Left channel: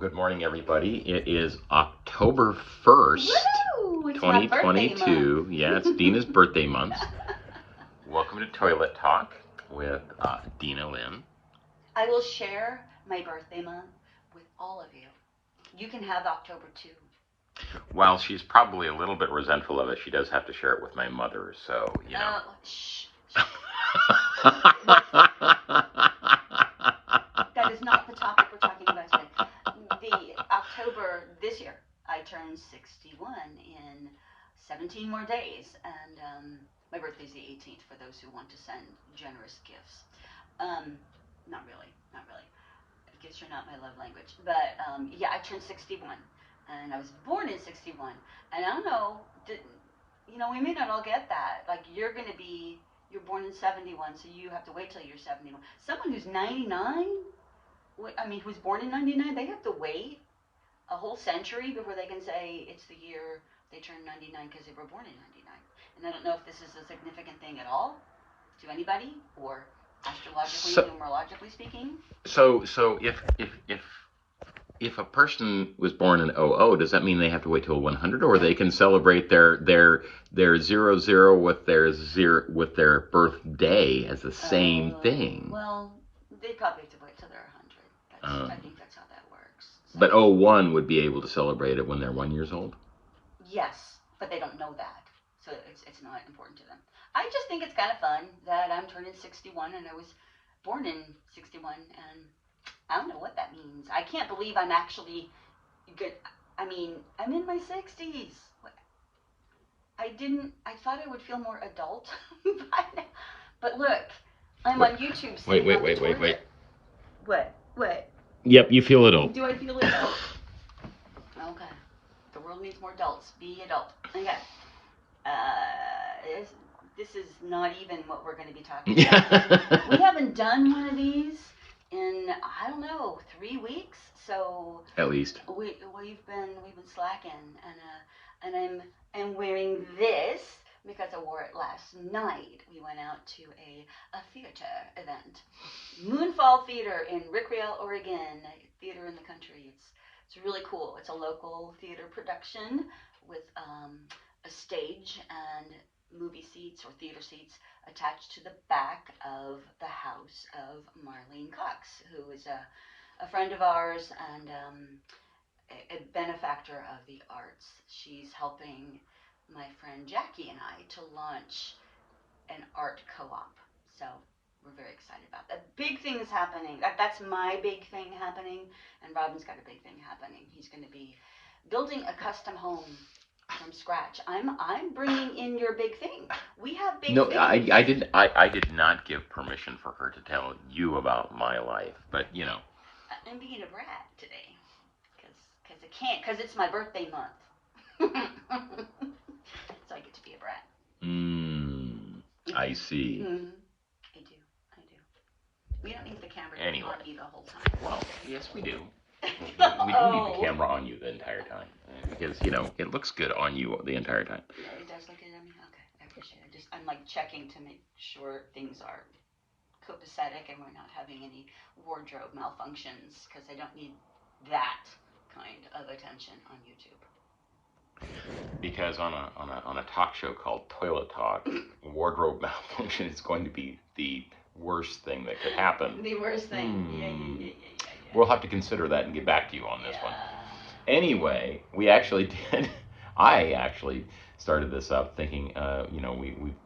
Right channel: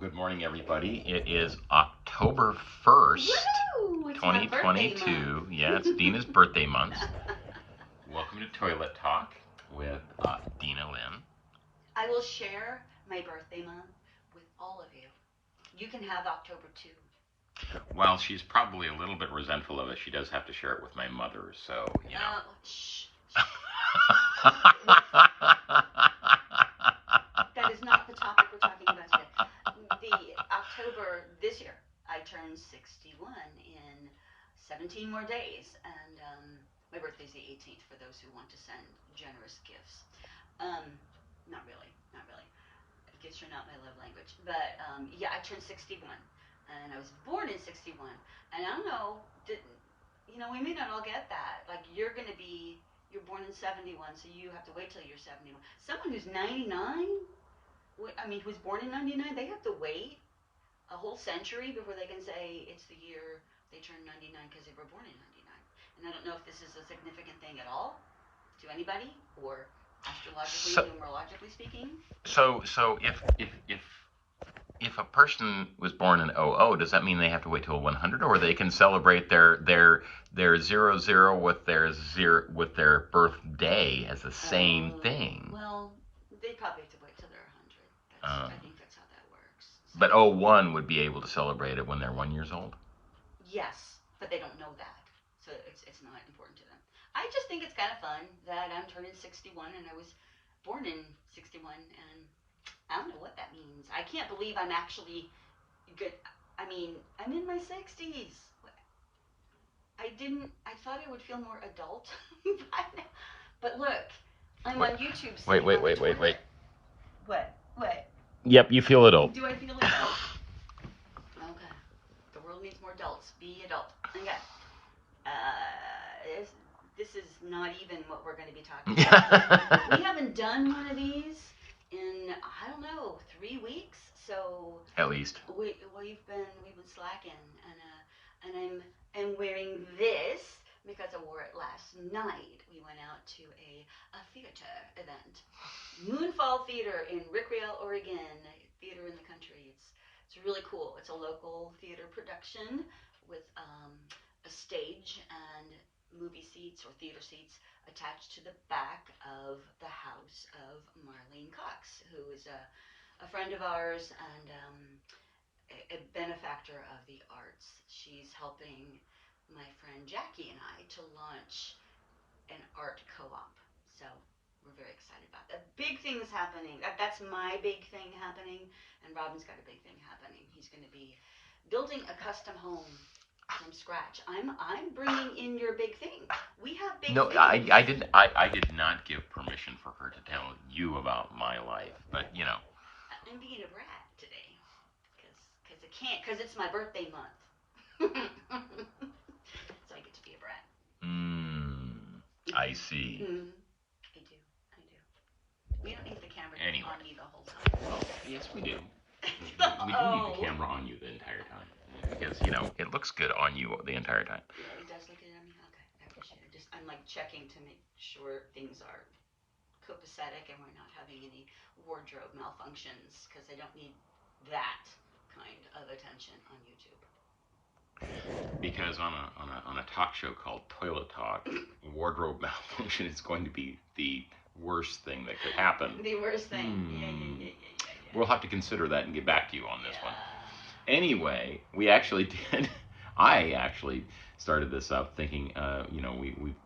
good morning, everybody. It is October 1st, Woo! It's my birthday 2022. month. Yeah, it's Dina's birthday month. Welcome to Toilet Talk with Dina Lynn. I will share my birthday month with all of you. You can have October too. While she's probably a little bit resentful of it, she does have to share it with my mother, so, you know. Shh. That is not the topic we're talking about today. The October this year, I turned 61 in 17 more days, and my birthday's the 18th for those who want to send generous gifts. Not really. I guess you're not my love language, but yeah, I turned 61, and I was born in 61, and I don't know, we may not all get that. Like you're born in 71, so you have to wait till you're 71. Someone who's 99. Who's born in 99, they have to wait a whole century before they can say it's the year they turned 99 because they were born in 99. And I don't know if this is a significant thing at all to anybody, or astrologically, numerologically speaking. So if a person was born in 00, does that mean they have to wait till 100, or they can celebrate their 00 with their birthday as the same thing? Well, they probably have to wait till they're 100. I think that's how that works. So. But 01 would be able to celebrate it when they're 1 year old? Yes, but they don't know that, so it's not important to them. I just think it's kind of fun that I'm turning 61, and I was born in 61, and I don't know what that means. I can't believe I'm actually good. I'm in my 60s. I thought I would feel more adult by now. But look, I'm on YouTube. Wait. What? Yep, you feel adult. Do I feel adult? Okay. The world needs more adults. Be adult. Okay. This is not even what we're going to be talking about. We haven't done one of these in, I don't know, 3 weeks. So at least we've been slacking, and I'm wearing this because I wore it last night. We went out to a theater event, Moonfall Theater in Rickreall, Oregon. A theater in the country. It's really cool. It's a local theater production with a stage and movie seats or theater seats attached to the back of the house of Marlene Cox, who is a friend of ours and a benefactor of the arts. She's helping my friend Jackie and I to launch an art co-op. So we're very excited about that. Big things happening. That's my big thing happening, and Robin's got a big thing happening. He's going to be building a custom home from scratch. I'm bringing in your big thing. We have big things. I did not give permission for her to tell you about my life, but you know. I'm being a brat today because I can't, because it's my birthday month. So I get to be a brat. I see. I do. We don't need the camera to be on me the whole time. Well, yes, we do. We do need the camera on you the entire time, because it looks good on you the entire time. Yeah, it does look good on me. Okay, I appreciate it. I'm like checking to make sure things are copacetic and we're not having any wardrobe malfunctions, because I don't need that kind of attention on YouTube. Because on a talk show called Toilet Talk, wardrobe malfunction is going to be the worst thing that could happen. The worst thing. Yeah. We'll have to consider that and get back to you on this one. Anyway, I actually started this up thinking,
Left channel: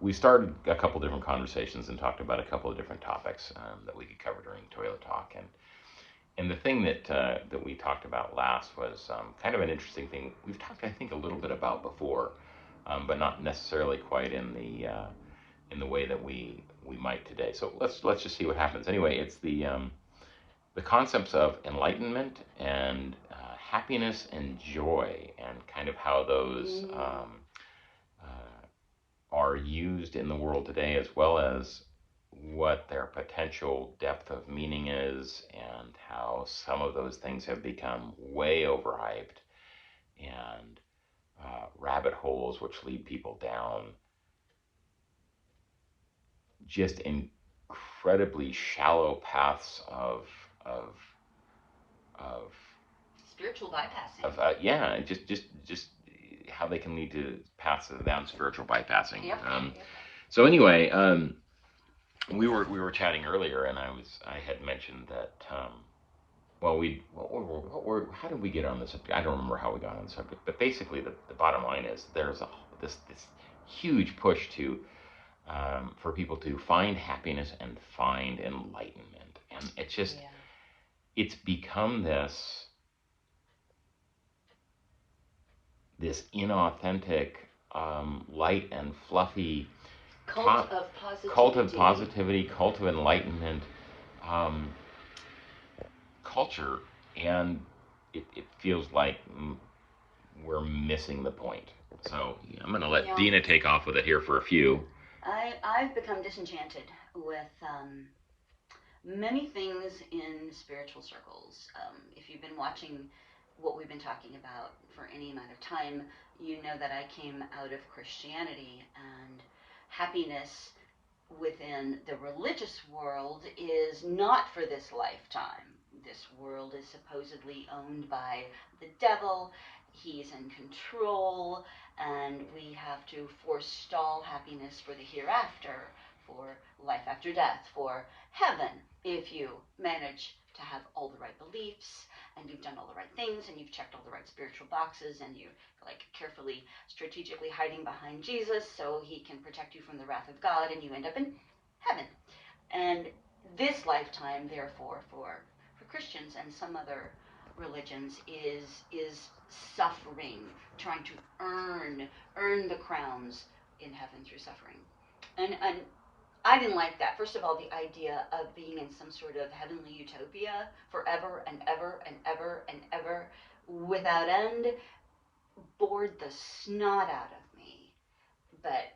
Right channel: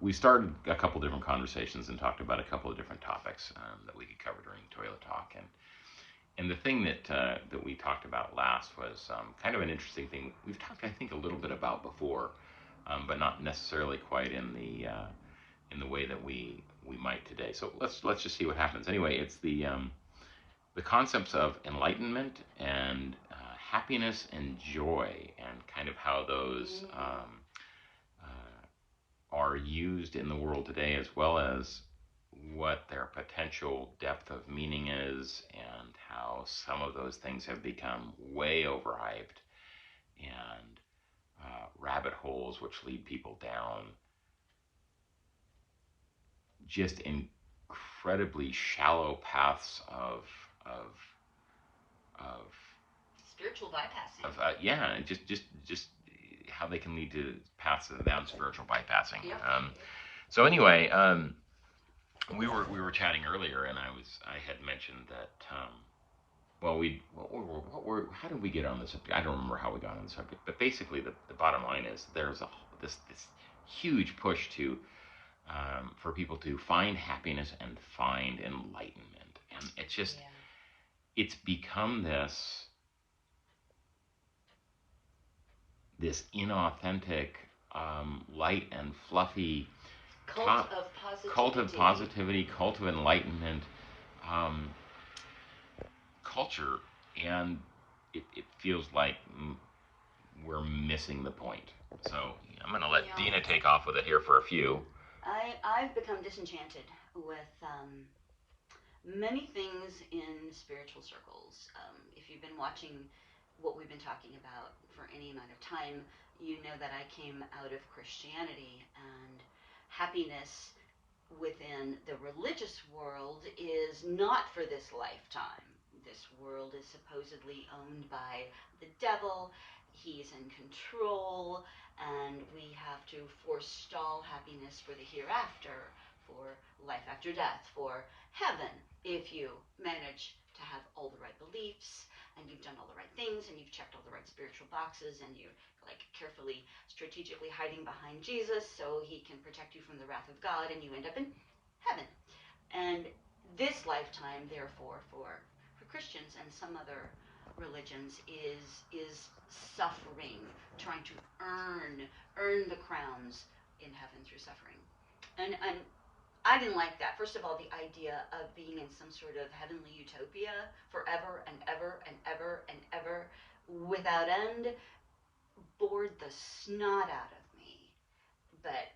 we started a couple different conversations and talked about a couple of different topics that we could cover during Toilet Talk. And the thing that we talked about last was kind of an interesting thing. We've talked, I think, a little bit about before, but not necessarily quite in the way that we might today. So let's just see what happens. Anyway, it's the concepts of enlightenment and happiness and joy, and kind of how those are used in the world today, as well as what their potential depth of meaning is, and how some of those things have become way overhyped, and rabbit holes which lead people down just incredibly shallow paths of spiritual bypassing. Yeah, just how they can lead to paths of that spiritual bypassing. Yep. So anyway, we were chatting earlier, and I had mentioned that. Well, how did we get on this subject? I don't remember how we got on the subject, but basically the bottom line is there's this huge push to for people to find happiness and find enlightenment, and it's just it's become this inauthentic, light and fluffy cult of positivity, cult of enlightenment. Culture, and it feels like we're missing the point. So I'm going to let Dina take off with it here for a few. I've become disenchanted with many things in spiritual circles. If you've been watching what we've been talking about for any amount of time, you know that I came out of Christianity, and happiness within the religious world is not for this lifetime. This world is supposedly owned by the devil. He's in control, and we have to forestall happiness for the hereafter, for life after death, for heaven, if you manage to have all the right beliefs, and you've done all the right things, and you've checked all the right spiritual boxes, and you're like carefully, strategically hiding behind Jesus so he can protect you from the wrath of God, and you end up in heaven. And this lifetime, therefore, for Christians and some other religions is suffering, trying to earn the crowns in heaven through suffering. And I didn't like that. First of all, the idea of being in some sort of heavenly utopia forever and ever and ever and ever without end bored the snot out of me. But,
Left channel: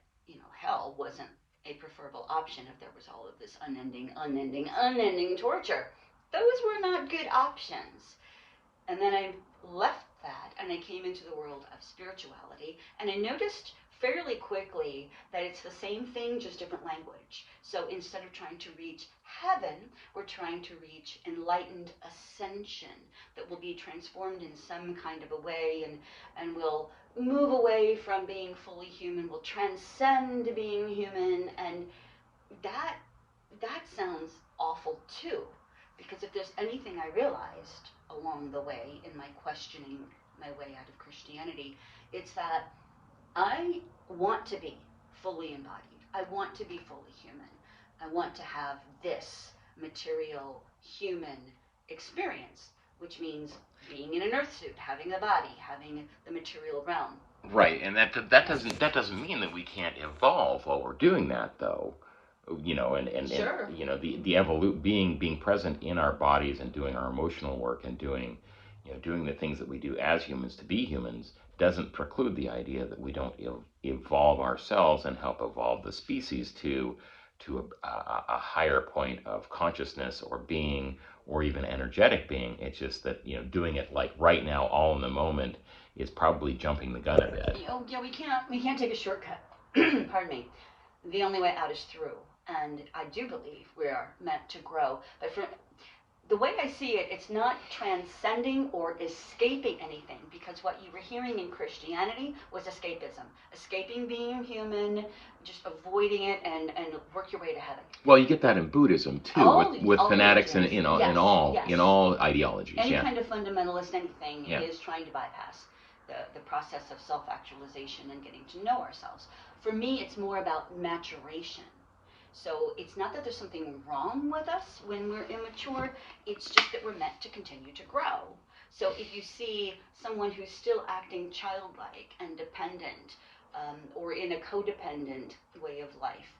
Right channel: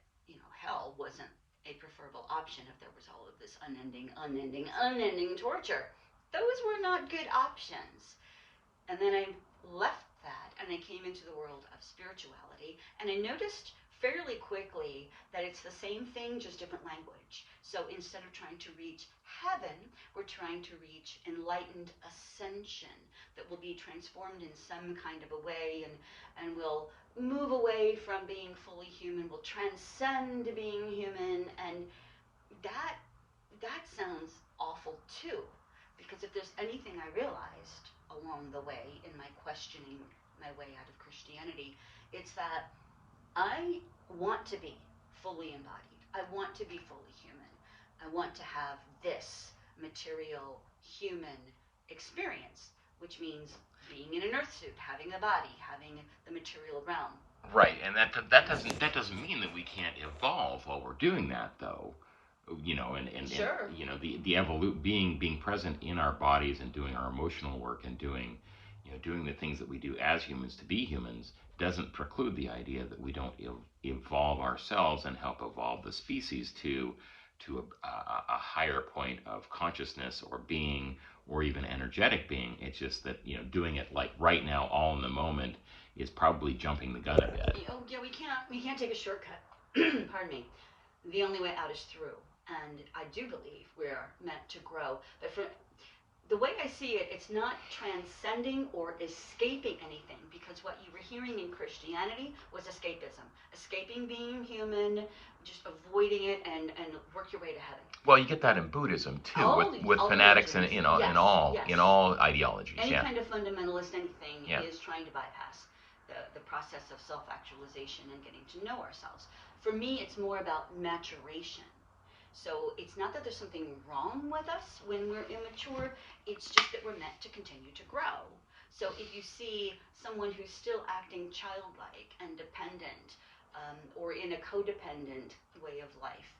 hell wasn't a preferable option if there was all of this unending torture. Those were not good options. And then I left that and I came into the world of spirituality, and I noticed fairly quickly that it's the same thing, just different language. So instead of trying to reach heaven, we're trying to reach enlightened ascension that will be transformed in some kind of a way, and will move away from being fully human, will transcend being human, and that sounds awful too. Because if there's anything I realized along the way in my questioning my way out of Christianity, it's that I want to be fully embodied. I want to be fully human. I want to have this material human experience, which means being in an earth suit, having a body, having the material realm. Right, and that doesn't mean that we can't evolve while we're doing that, though. Sure. And being present in our bodies and doing our emotional work and doing the things that we do as humans to be humans doesn't preclude the idea that we don't evolve ourselves and help evolve the species to a higher point of consciousness or being, or even energetic being. It's just that doing it like right now, all in the moment, is probably jumping the gun a bit. Oh yeah, we can't take a shortcut. Pardon me. The only way out is through. And I do believe we are meant to grow. But for the way I see it, it's not transcending or escaping anything, because what you were hearing in Christianity was escapism. Escaping being human, just avoiding it, and work your way to heaven. Well, you get that in Buddhism too, with fanatics and in all ideologies. Any kind of fundamentalist anything is trying to bypass the process of self-actualization and getting to know ourselves. For me, it's more about maturation. So it's not that there's something wrong with us when we're immature, it's just that we're meant to continue to grow. So if you see someone who's still acting childlike and dependent, or in a codependent way of life,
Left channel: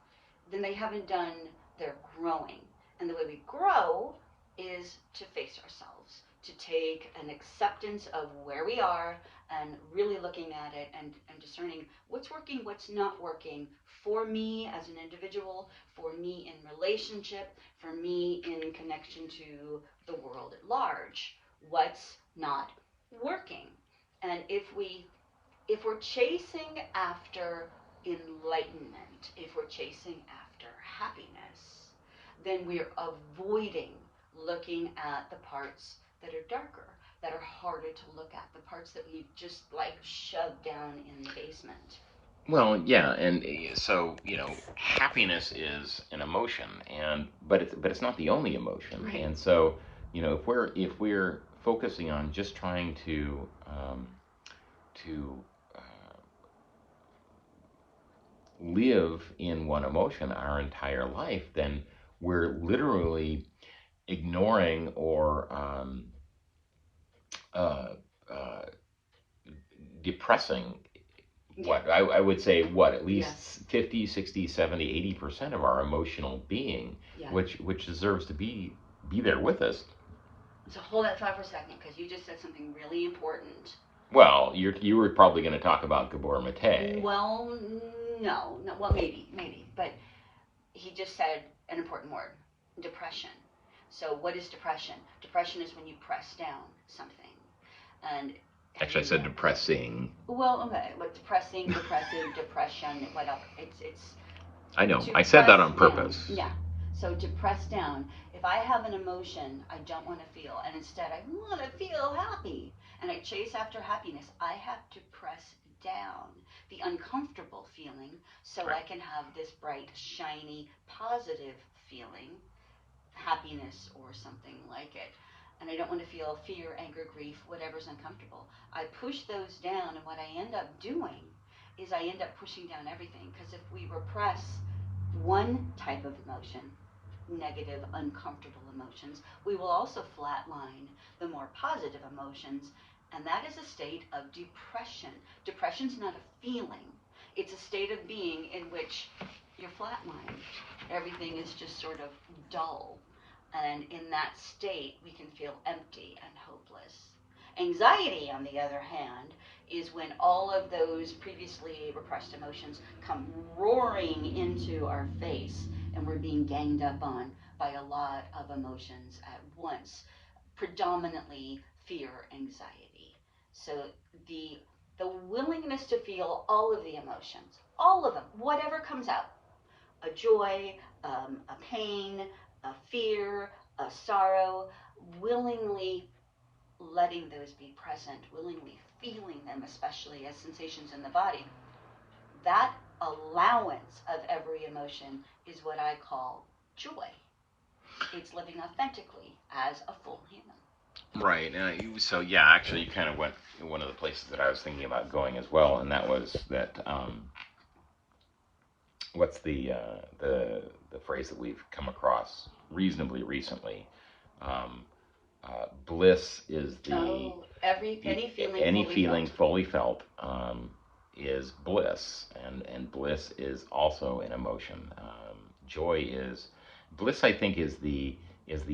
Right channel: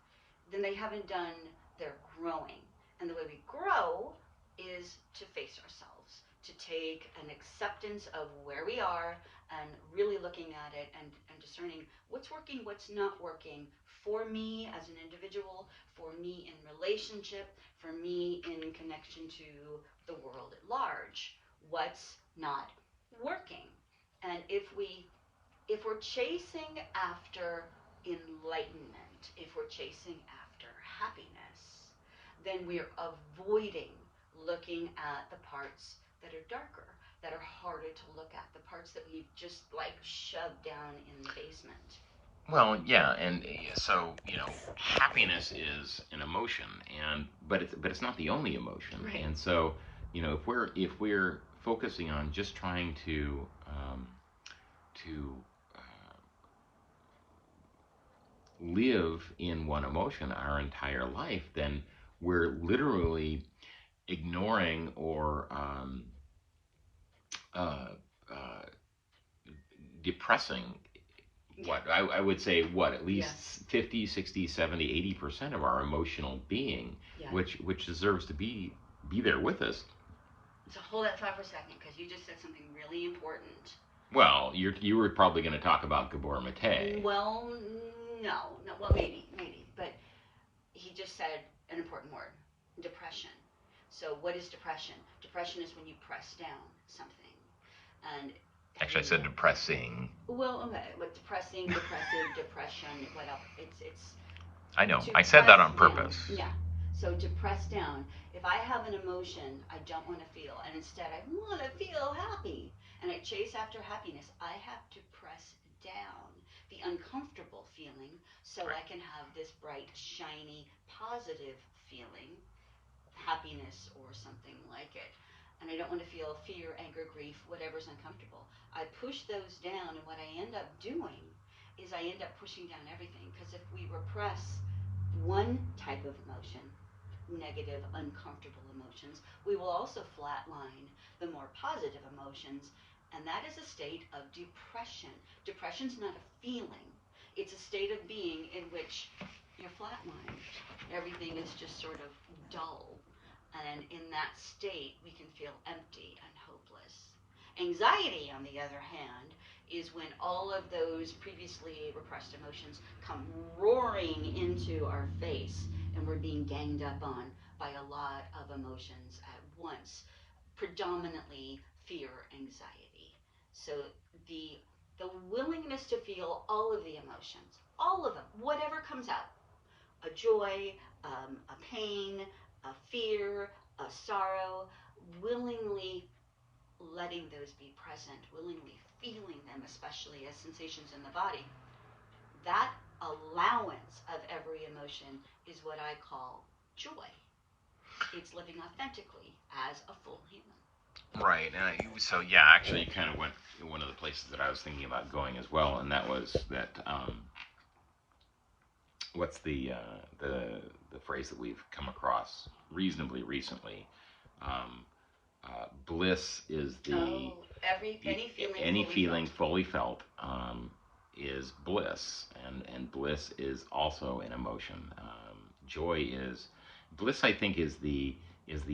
then they haven't done their growing. And the way we grow is to face ourselves, to take an acceptance of where we are and really looking at it and discerning what's working, what's not working for me as an individual, for me in relationship, for me in connection to the world at large. What's not working? And if we're chasing after enlightenment, if we're chasing after happiness, then we're avoiding looking at the parts that are darker. that are harder to look at, the parts that we've just like shoved down in the basement. Well, yeah, and so happiness is an emotion, but it's not the only emotion, Right. and so if we're focusing on just trying to live in one emotion our entire life, then we're literally ignoring or uh, uh, depressing Yeah. I would say at least Yes. 50, 60, 70, 80% of our emotional being, Yeah. which deserves to be there with us. So hold that thought for a second, because you just said something really important. Well, you were probably going to talk about Gabor Mate. Well, no, well, maybe, but he just said an important word: depression. So what is depression? Depression is when you press down something, and Actually, I said depressing. Well, okay, but depressing, depressive, depression, whatever. It's. I know. I said that on Down. purpose. Yeah. So to press down. If I have an emotion I don't want to feel, and instead I want to feel happy, and I chase after happiness, I have to press down the uncomfortable feeling so I can have this bright, shiny, positive feeling, happiness or something like it. And I don't want to feel fear, anger, grief, whatever's uncomfortable. I push those down, and what I end up doing is I end up pushing down everything. Because if we repress one type of emotion, negative, uncomfortable emotions, we will also flatline the more positive emotions, and that is a state of depression. Depression's not a feeling, it's a state of being in which you're flatlined. Everything is just sort of dull, and in that state, we can feel empty and hopeless. Anxiety, on the other hand, is when all of those previously repressed emotions come roaring into our face, and we're being ganged up on by a lot of emotions at once, predominantly fear, anxiety. So the the willingness to feel all of the emotions, all of them, whatever comes out, a joy, a pain, a fear, a sorrow, willingly letting those be present, willingly feeling them, especially as sensations in the body. That allowance of every emotion is what I call joy. It's living authentically as a full human. Right. So yeah, actually, you kind of went one of the places that I was thinking about going as well, and that was that. What's the phrase that we've come across reasonably recently? Um, Bliss is any feeling fully felt is bliss, and bliss is also an emotion. Joy is bliss. I think is the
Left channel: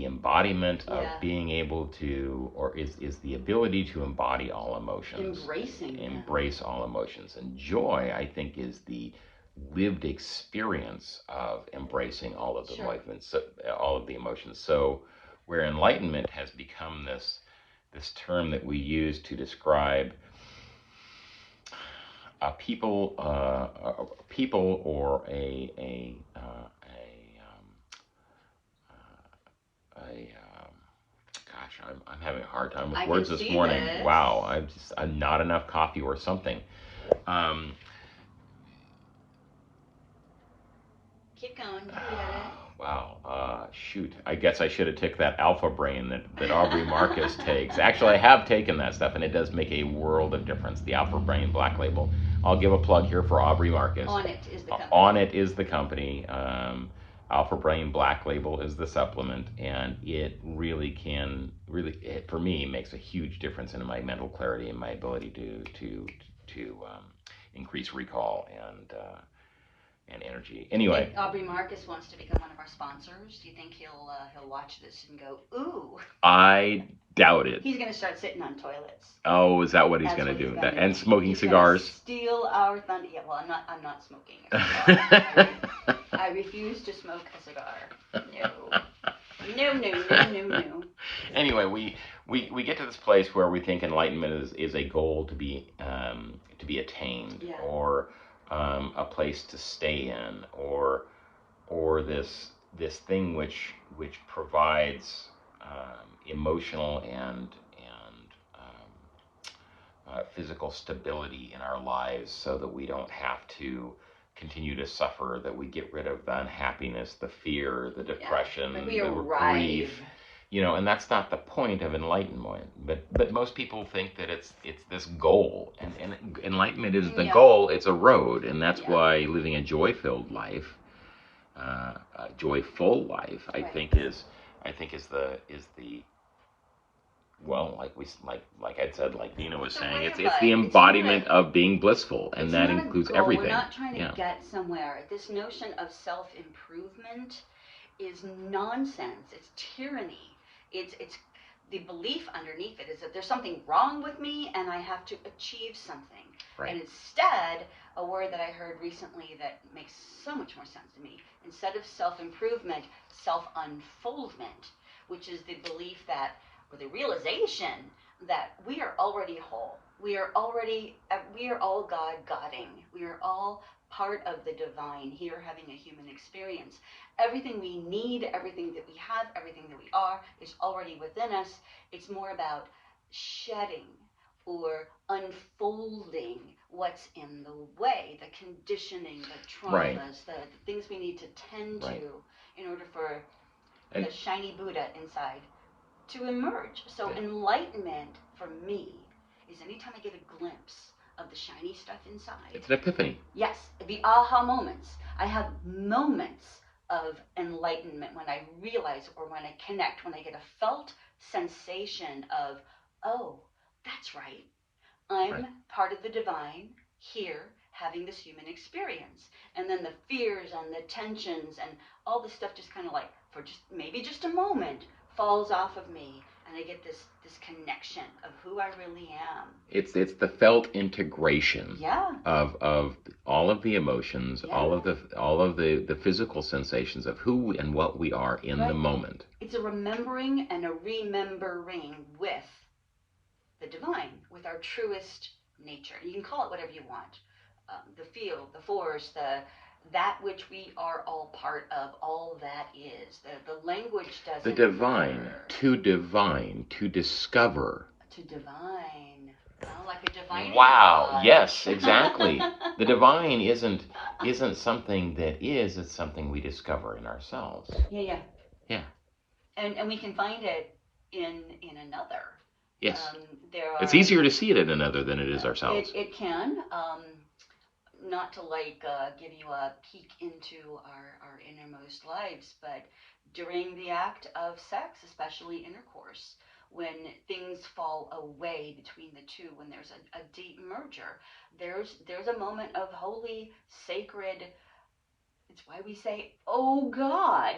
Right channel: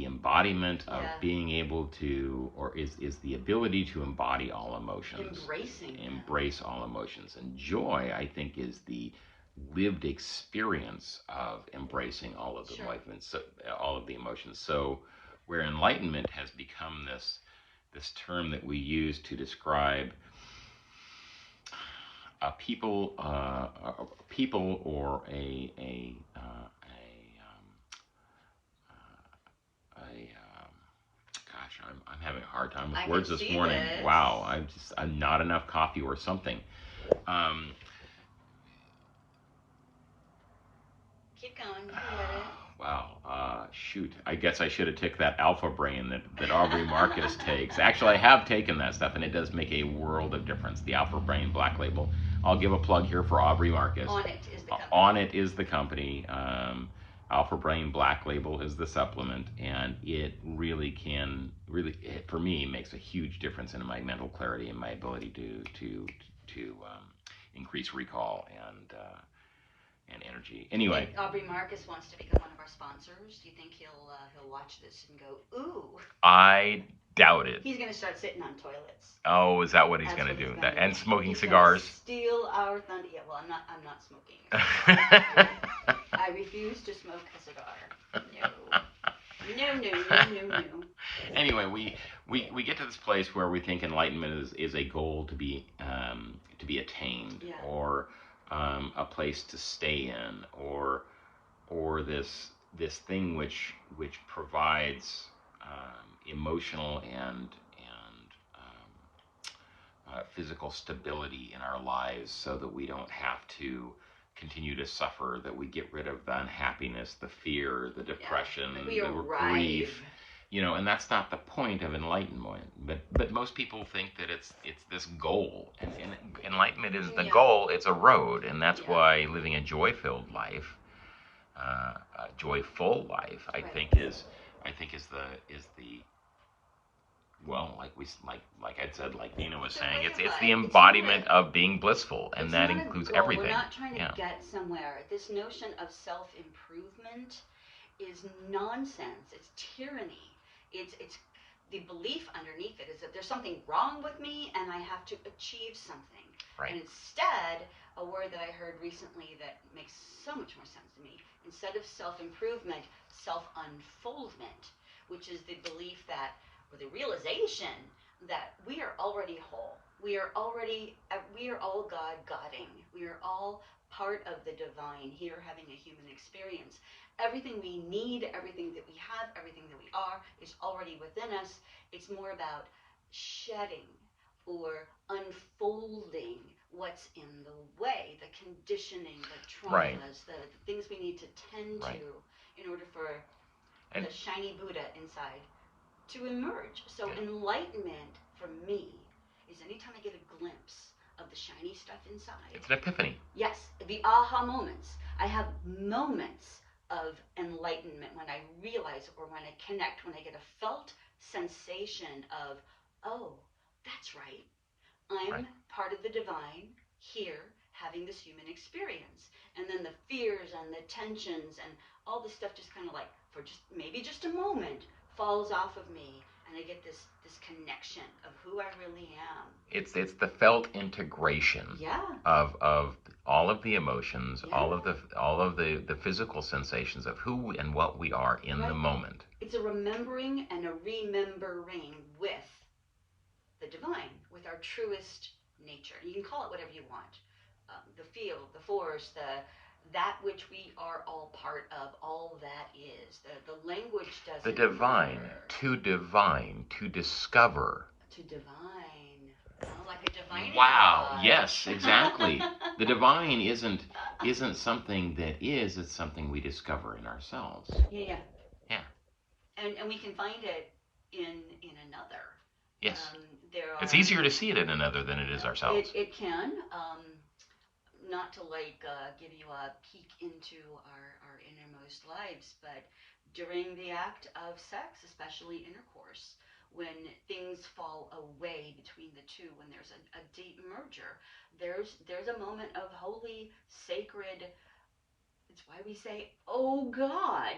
embodiment of being able to, or is the ability to embody all emotions, embrace all emotions, and joy I think is the lived experience of embracing all of the emotions, all of the emotions. So where enlightenment has become this term that we use to describe people or gosh, I'm having a hard time with words this morning. Wow, I'm not enough coffee or something. Keep going, you get it. Wow, shoot. I guess I should have took that Alpha Brain that Aubrey Marcus takes. Actually, I have taken that stuff, and it does make a world of difference. The Alpha Brain Black Label. I'll give a plug here for Aubrey Marcus. On It is the company. On It is the company. Alpha Brain Black Label is the supplement, and it really for me, makes a huge difference in my mental clarity and my ability to increase recall and energy. Anyway, Aubrey Marcus wants to become one of our sponsors. Do you think he'll watch this and go, ooh? I doubt it. He's going to start sitting on toilets. Oh, is that what he's going to do? And smoking cigars? Steal our thunder. Yeah, well, I'm not smoking a cigar. I refuse to smoke a cigar. No. Anyway, we get to this place where we think enlightenment is a goal to be attained, or a place to stay in, or this thing which provides emotional and physical stability in our lives so that we don't have to continue to suffer, that we get rid of the unhappiness, the fear, the depression, we the arrive. grief. And that's not the point of enlightenment. But most people think that it's this goal, and enlightenment isn't the goal; it's a road, and that's why living a joy-filled life, a joyful life, I think is the well, like I said, like Nina was saying, it's the embodiment of being blissful, and that includes everything. We're not trying to get somewhere. This notion of self-improvement is nonsense. It's tyranny. It's the belief underneath it is that there's something wrong with me and I have to achieve something. Right. And instead, a word that I heard recently that makes so much more sense to me, instead of self-improvement, self-unfoldment, which is the belief that, or the realization that we are already whole. We are all God-godding. We are all part of the divine here having a human experience. Everything we need, everything that we have, everything that we are is already within us. It's more about shedding or unfolding what's in the way, the conditioning, the traumas, the things we need to tend to in order for the shiny Buddha inside to emerge. So enlightenment for me is anytime I get a glimpse of the shiny stuff inside. It's an epiphany. Yes, the aha moments. I have moments of enlightenment when I realize, or when I connect, when I get a felt sensation of, oh, that's right. I'm part of the divine here having this human experience. And then the fears and the tensions and all the stuff just kind of like, for just a moment, falls off of me, and I get this connection of who I really am. It's the felt integration of all of the emotions, all of the physical sensations of who and what we are in the moment. It's a remembering and a remembering with the divine, with our truest nature. You can call it whatever you want. The field, the force, that which we are all part of, all that is. The language doesn't matter. To discover. To divine. Like a divine. Wow, God. Yes, exactly. The divine isn't something that is, it's something we discover in ourselves. Yeah. And we can find it in another. Yes. It's easier to see it in another than it is ourselves. It can. Not to give you a peek into our innermost lives, but during the act of sex, especially intercourse, when things fall away between the two, when there's a deep merger, there's a moment of holy, sacred. It's why we say, "Oh God,"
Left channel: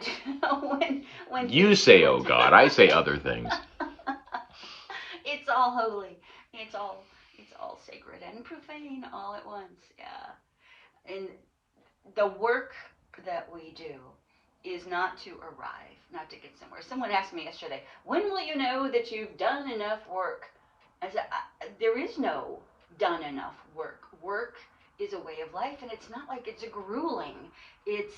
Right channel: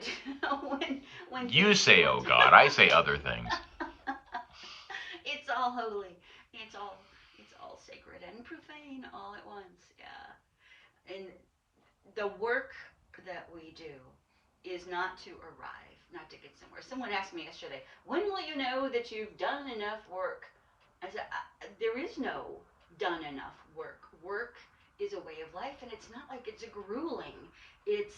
when you say, "Oh God," I say other things. It's all holy. It's all sacred and profane all at once. Yeah. And the work that we do is not to arrive, not to get somewhere. Someone asked me yesterday, when will you know that you've done enough work? I said, there is no done enough work. Work is a way of life, and it's not like it's a grueling. It's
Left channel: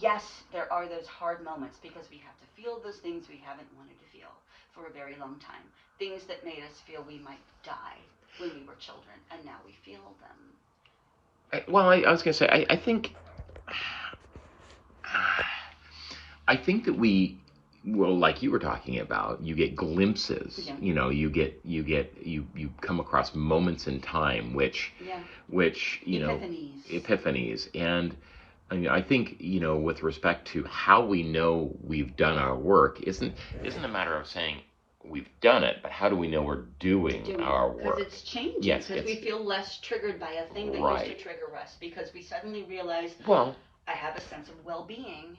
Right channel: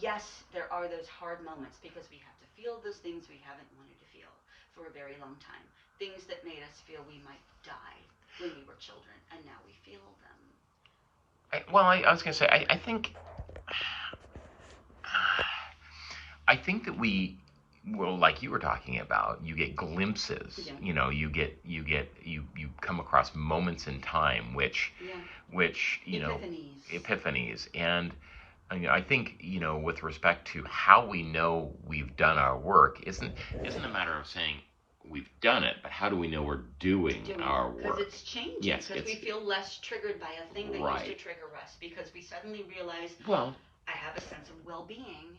yes, there are those hard moments because we have to feel those things we haven't wanted to feel for a very long time. Things that made us feel we might die when we were children, and now we feel them. Well, I was going to say, I think that like you were talking about, you get glimpses. Yeah. You come across moments in time, which epiphanies, and I think with respect to how we know we've done our work isn't a matter of saying we've done it, but how do we know we're doing our work? Because it's changing. Yes, because we feel less triggered by a thing that used to trigger us. Because we suddenly realize, I have a sense of well-being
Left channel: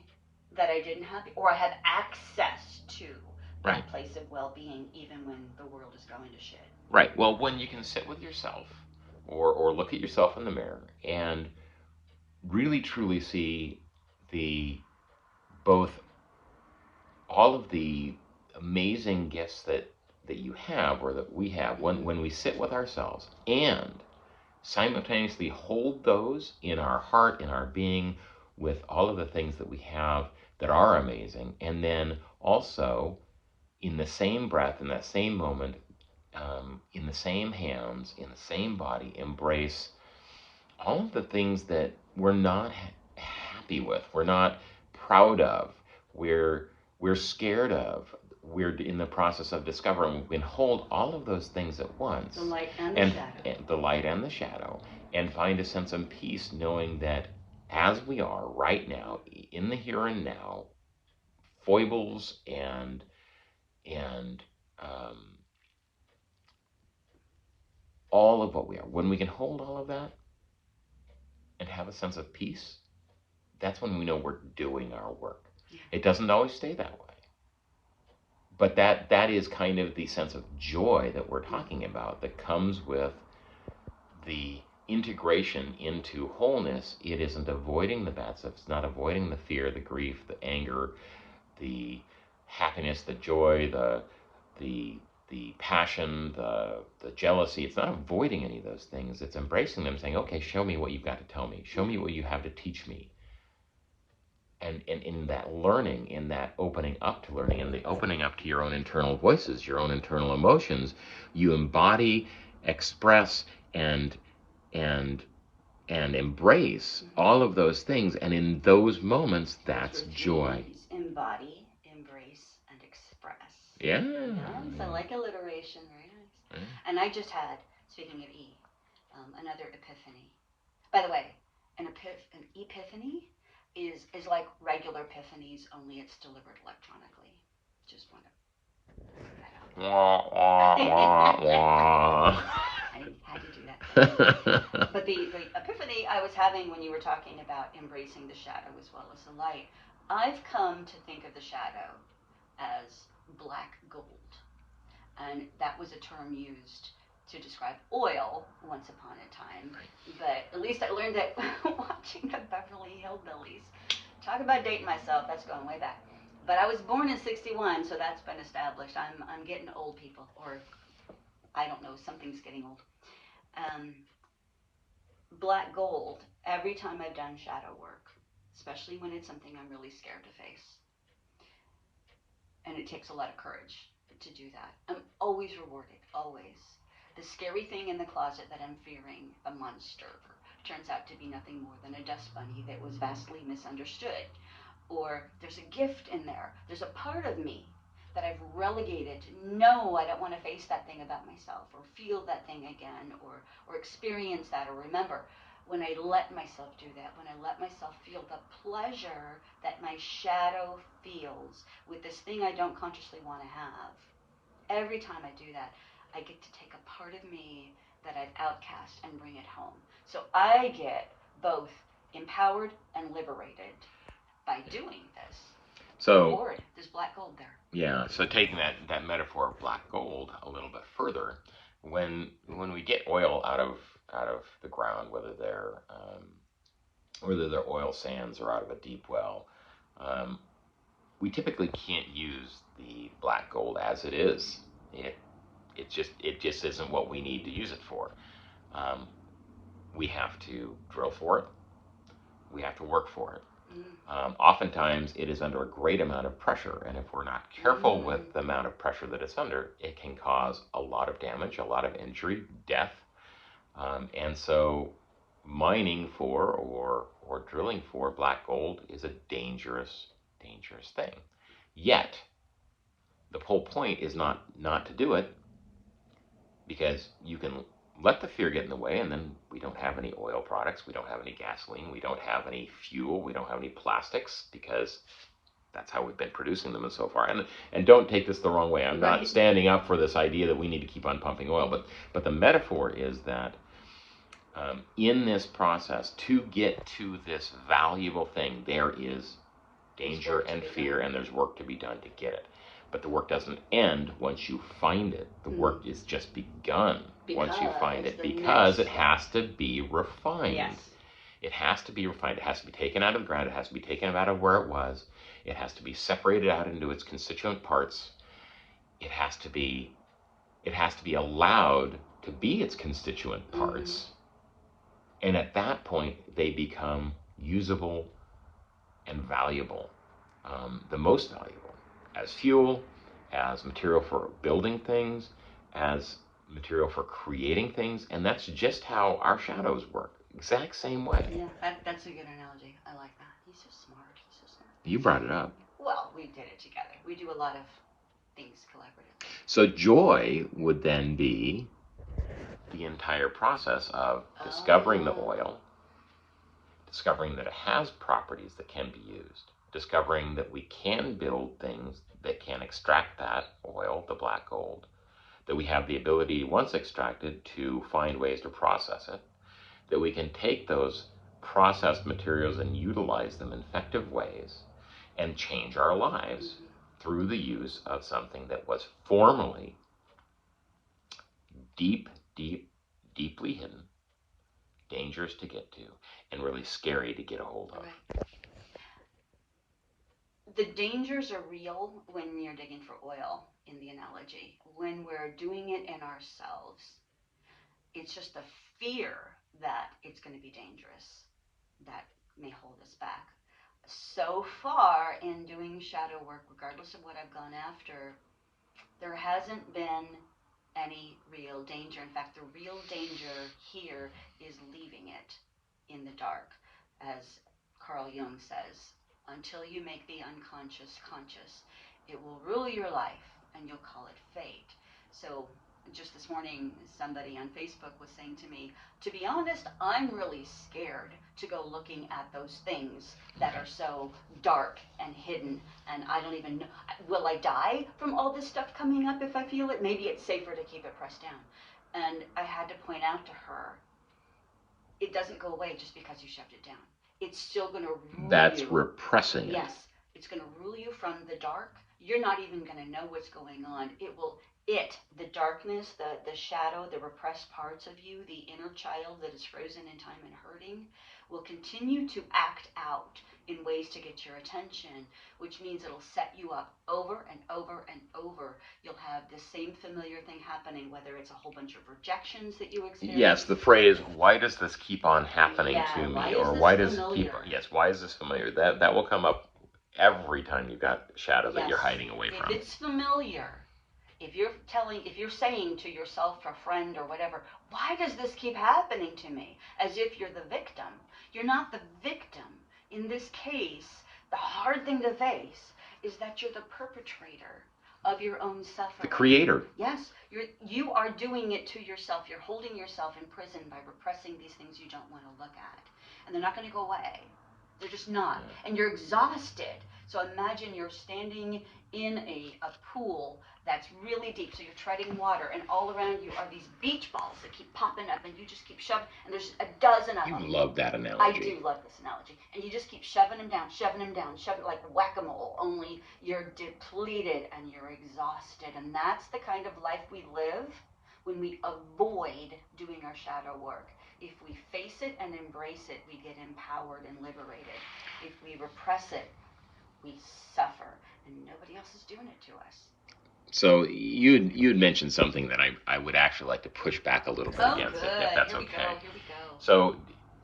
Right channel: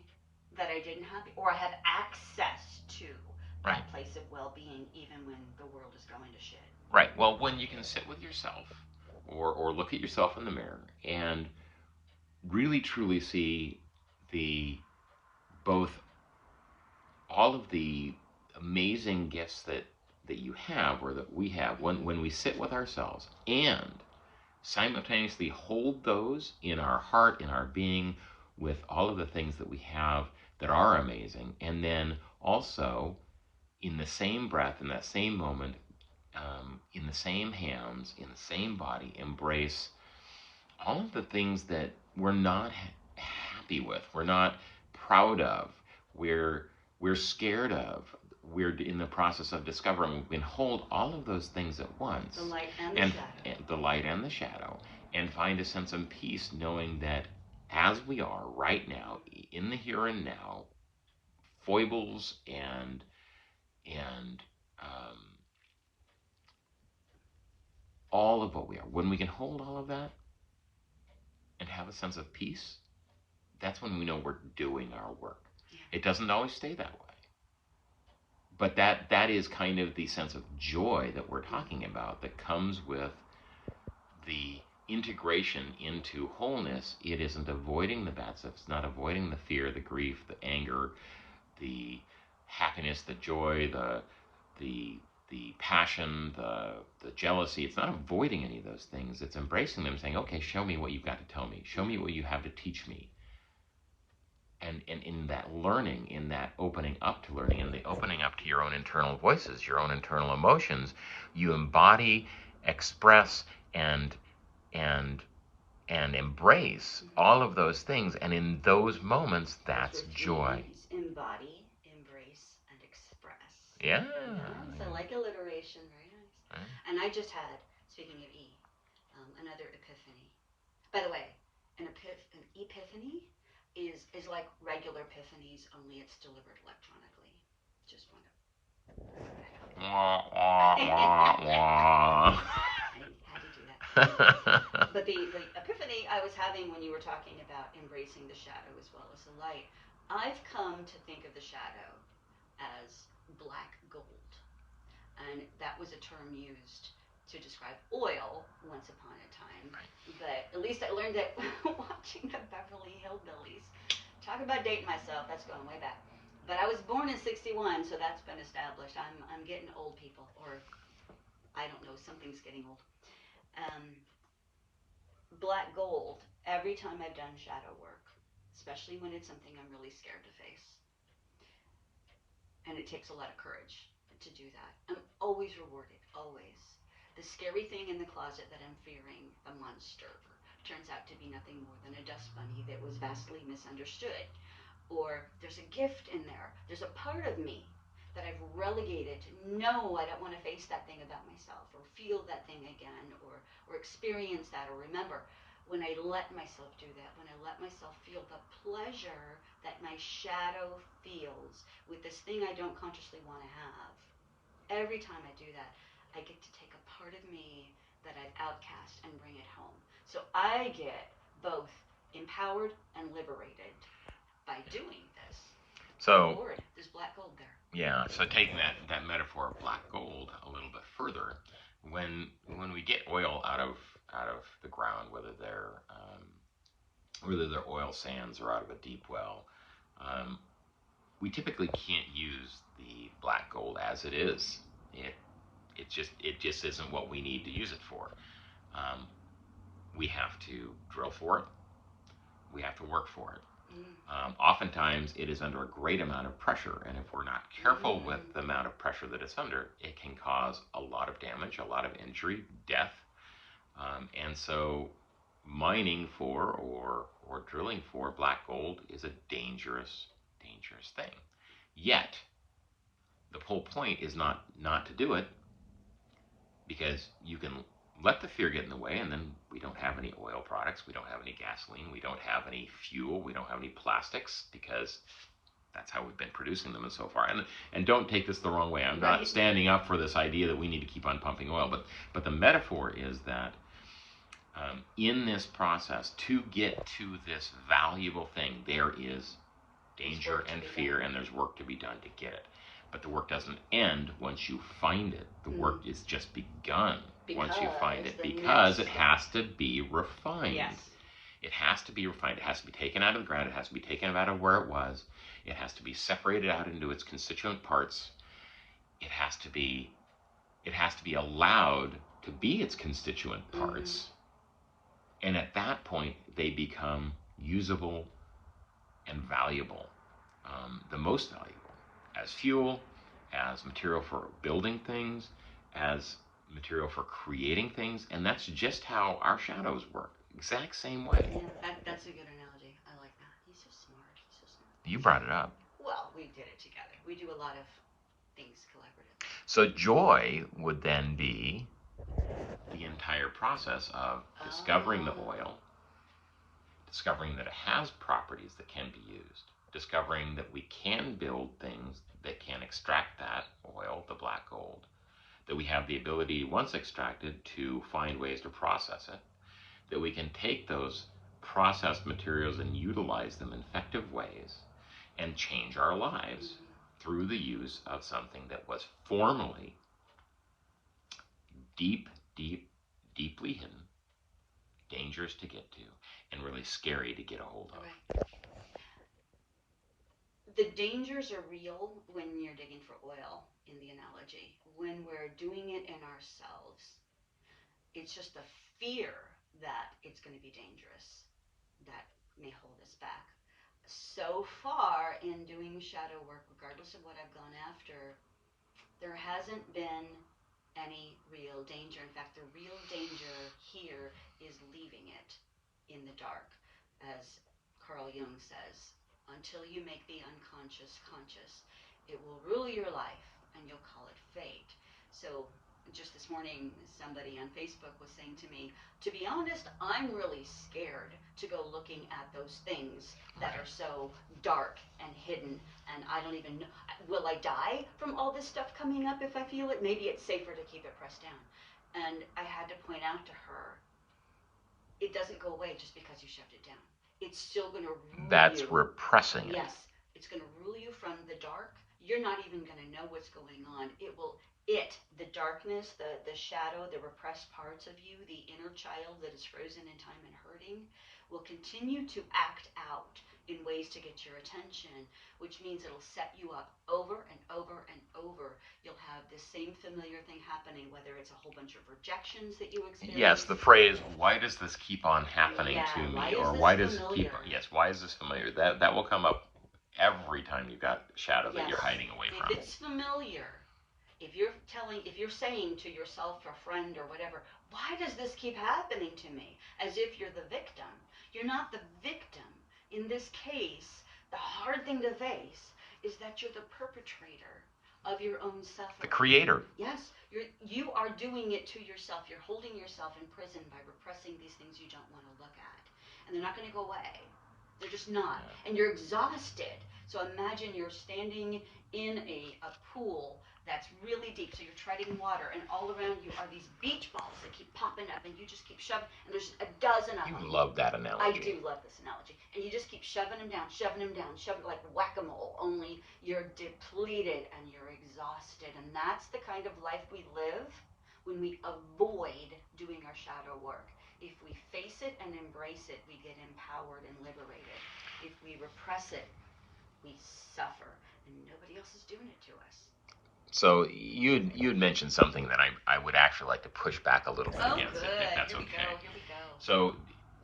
that I didn't have, or I have access to that place of well-being, even when the world is going to shit. Right. Well, when you can sit with yourself, or look at yourself in the mirror, and really truly see both all of the amazing gifts that you have, or that we have, when we sit with ourselves and simultaneously hold those in our heart, in our being, with all of the things that we have that are amazing, and then also in the same breath, in that same moment, in the same hands, in the same body, embrace all of the things that we're not happy with, we're not proud of, we're scared of, we're in the process of discovering. We can hold all of those things at once, the light and the shadow, and the light and the shadow, and find a sense of peace, knowing that as we are right now, in the here and now, foibles and all of what we are, when we can hold all of that and have a sense of peace, that's when we know we're doing our work. It doesn't always stay that way. But that is kind of the sense of joy that we're talking about that comes with the integration into wholeness. It isn't avoiding the bad stuff. It's not avoiding the fear, the grief, the anger, the happiness, the joy, the passion, the jealousy. It's not avoiding any of those things. It's embracing them, saying, okay, show me what you've got to tell me. Show me what you have to teach me. And in that learning, in that opening up to learning, and the opening up to your own internal voices, your own internal emotions, you embody, express, and embrace all of those things. And in those moments, that's joy. Embody, embrace, and express. Yeah. So like alliteration, very nice. And I just had, speaking of another epiphany. By the way, an epiphany is like regular epiphanies, only it's delivered electronically. Just want to. I had to do that. But the epiphany I was having when you were talking about embracing the shadow as well as the light, I've come to think of the shadow as black gold. And that was a term used to describe oil once upon a time. But at least I learned that watching the Beverly Hillbillies. Talk about dating myself, that's going way back. But I was born in '61, so that's been established. I'm getting old, people, or I don't know, something's getting old. Black gold, every time I've done shadow work, especially when it's something I'm really scared to face. And it takes a lot of courage to do that. I'm always rewarded, always. The scary thing in the closet that I'm fearing, a monster, turns out to be nothing more than a dust bunny that was vastly misunderstood. Or there's a gift in there. There's a part of me that I've relegated. No, I don't want to face that thing about myself, or feel that thing again, or experience that, or remember. When I let myself do that, when I let myself feel the pleasure that my shadow feels with this thing I don't consciously want to have, every time I do that, I get to take a part of me that I've outcast and bring it home. So I get both empowered and liberated by doing this. So there's black gold there. Yeah, so taking that metaphor of black gold a little bit further, when we get oil out of the ground, whether they're oil sands or out of a deep well, we typically can't use the black gold as it is. It just isn't what we need to use it for. We have to drill for it. We have to work for it. Oftentimes it is under a great amount of pressure, and if we're not careful with the amount of pressure that it's under, it can cause a lot of damage, a lot of injury, death. And so mining for or drilling for black gold is a dangerous thing. Yet the whole point is not to do it, because you can let the fear get in the way, and then we don't have any oil products, we don't have any gasoline, we don't have any fuel, we don't have any plastics, because that's how we've been producing them so far. And don't take this the wrong way. I'm not standing up for this idea that we need to keep on pumping oil, but the metaphor is that in this process, to get to this valuable thing, there is danger and fear, and there's work to be done to get it. But the work doesn't end once you find it. The work is just begun once you find it, because it has to be refined. Yes. It has to be refined. It has to be taken out of the ground. It has to be taken out of where it was. It has to be separated out into its constituent parts. It has to be allowed to be its constituent parts. And at that point, they become usable and valuable, the most valuable, as fuel, as material for building things, as material for creating things, and that's just how our shadows work. Exact same way. Yeah, that's a good analogy. I like that. He's so smart. He's so smart. You brought it up. Well, we did it together. We do a lot of things collaboratively. So joy would then be the entire process of discovering the oil, discovering that it has properties that can be used, discovering that we can build things that can extract that oil, the black gold, that we have the ability, once extracted, to find ways to process it, that we can take those processed materials and utilize them in effective ways and change our lives through the use of something that was formerly deeply hidden, dangerous to get to, and really scary to get a hold of. Right. The dangers are real when you're digging for oil, in the analogy. When we're doing it in ourselves, it's just the fear that it's going to be dangerous that may hold us back. So far in doing shadow work, regardless of what I've gone after, there hasn't been any real danger. In fact, the real danger here is leaving it in the dark. As Carl Jung says, until you make the unconscious conscious, it will rule your life and you'll call it fate. So just this morning, somebody on Facebook was saying to me, to be honest, I'm really scared to go looking at those things that are so dark and hidden, and I don't even know. Will I die from all this stuff coming up if I feel it? Maybe it's safer to keep it pressed down. And I had to point out to her, it doesn't go away just because you shoved it down. It's still going to rule That's you. repressing it. Yes, it's going to rule you from the dark. You're not even going to know what's going on. The darkness, the shadow, the repressed parts of you, the inner child that is frozen in time and hurting, will continue to act out in ways to get your attention, which means it'll set you up over and over and over. You'll have the same familiar thing happening, whether it's a whole bunch of rejections that you experience. Yes, the phrase, why does this keep on happening to me? Why is this why is this familiar? That will come up every time you've got shadow that you're hiding away from. If it's familiar, if you're saying to yourself or friend or whatever, why does this keep happening to me? As if you're the victim. You're not the victim. In this case, the hard thing to face is that you're the perpetrator of your own suffering. The creator. Yes, you are doing it to yourself. You're holding yourself in prison by repressing these things you don't want to look at. And they're not going to go away. They're just not. And you're exhausted. So imagine you're standing in a pool that's really deep, so you're treading water, and all around you are these beach balls that keep popping up, and you just keep shoving, and there's a dozen of them. You love that analogy. I do love this analogy. And you just keep shoving them down, like whack-a-mole, only you're depleted and you're exhausted. And that's the kind of life we live when we avoid doing our shadow work. If we face it and embrace it, we get empowered and liberated. If we repress it, we suffer, and nobody else is doing it to us. So you'd mentioned something that I would actually like to push back a little bit against, good. if that's Here we okay. go. Here we go. So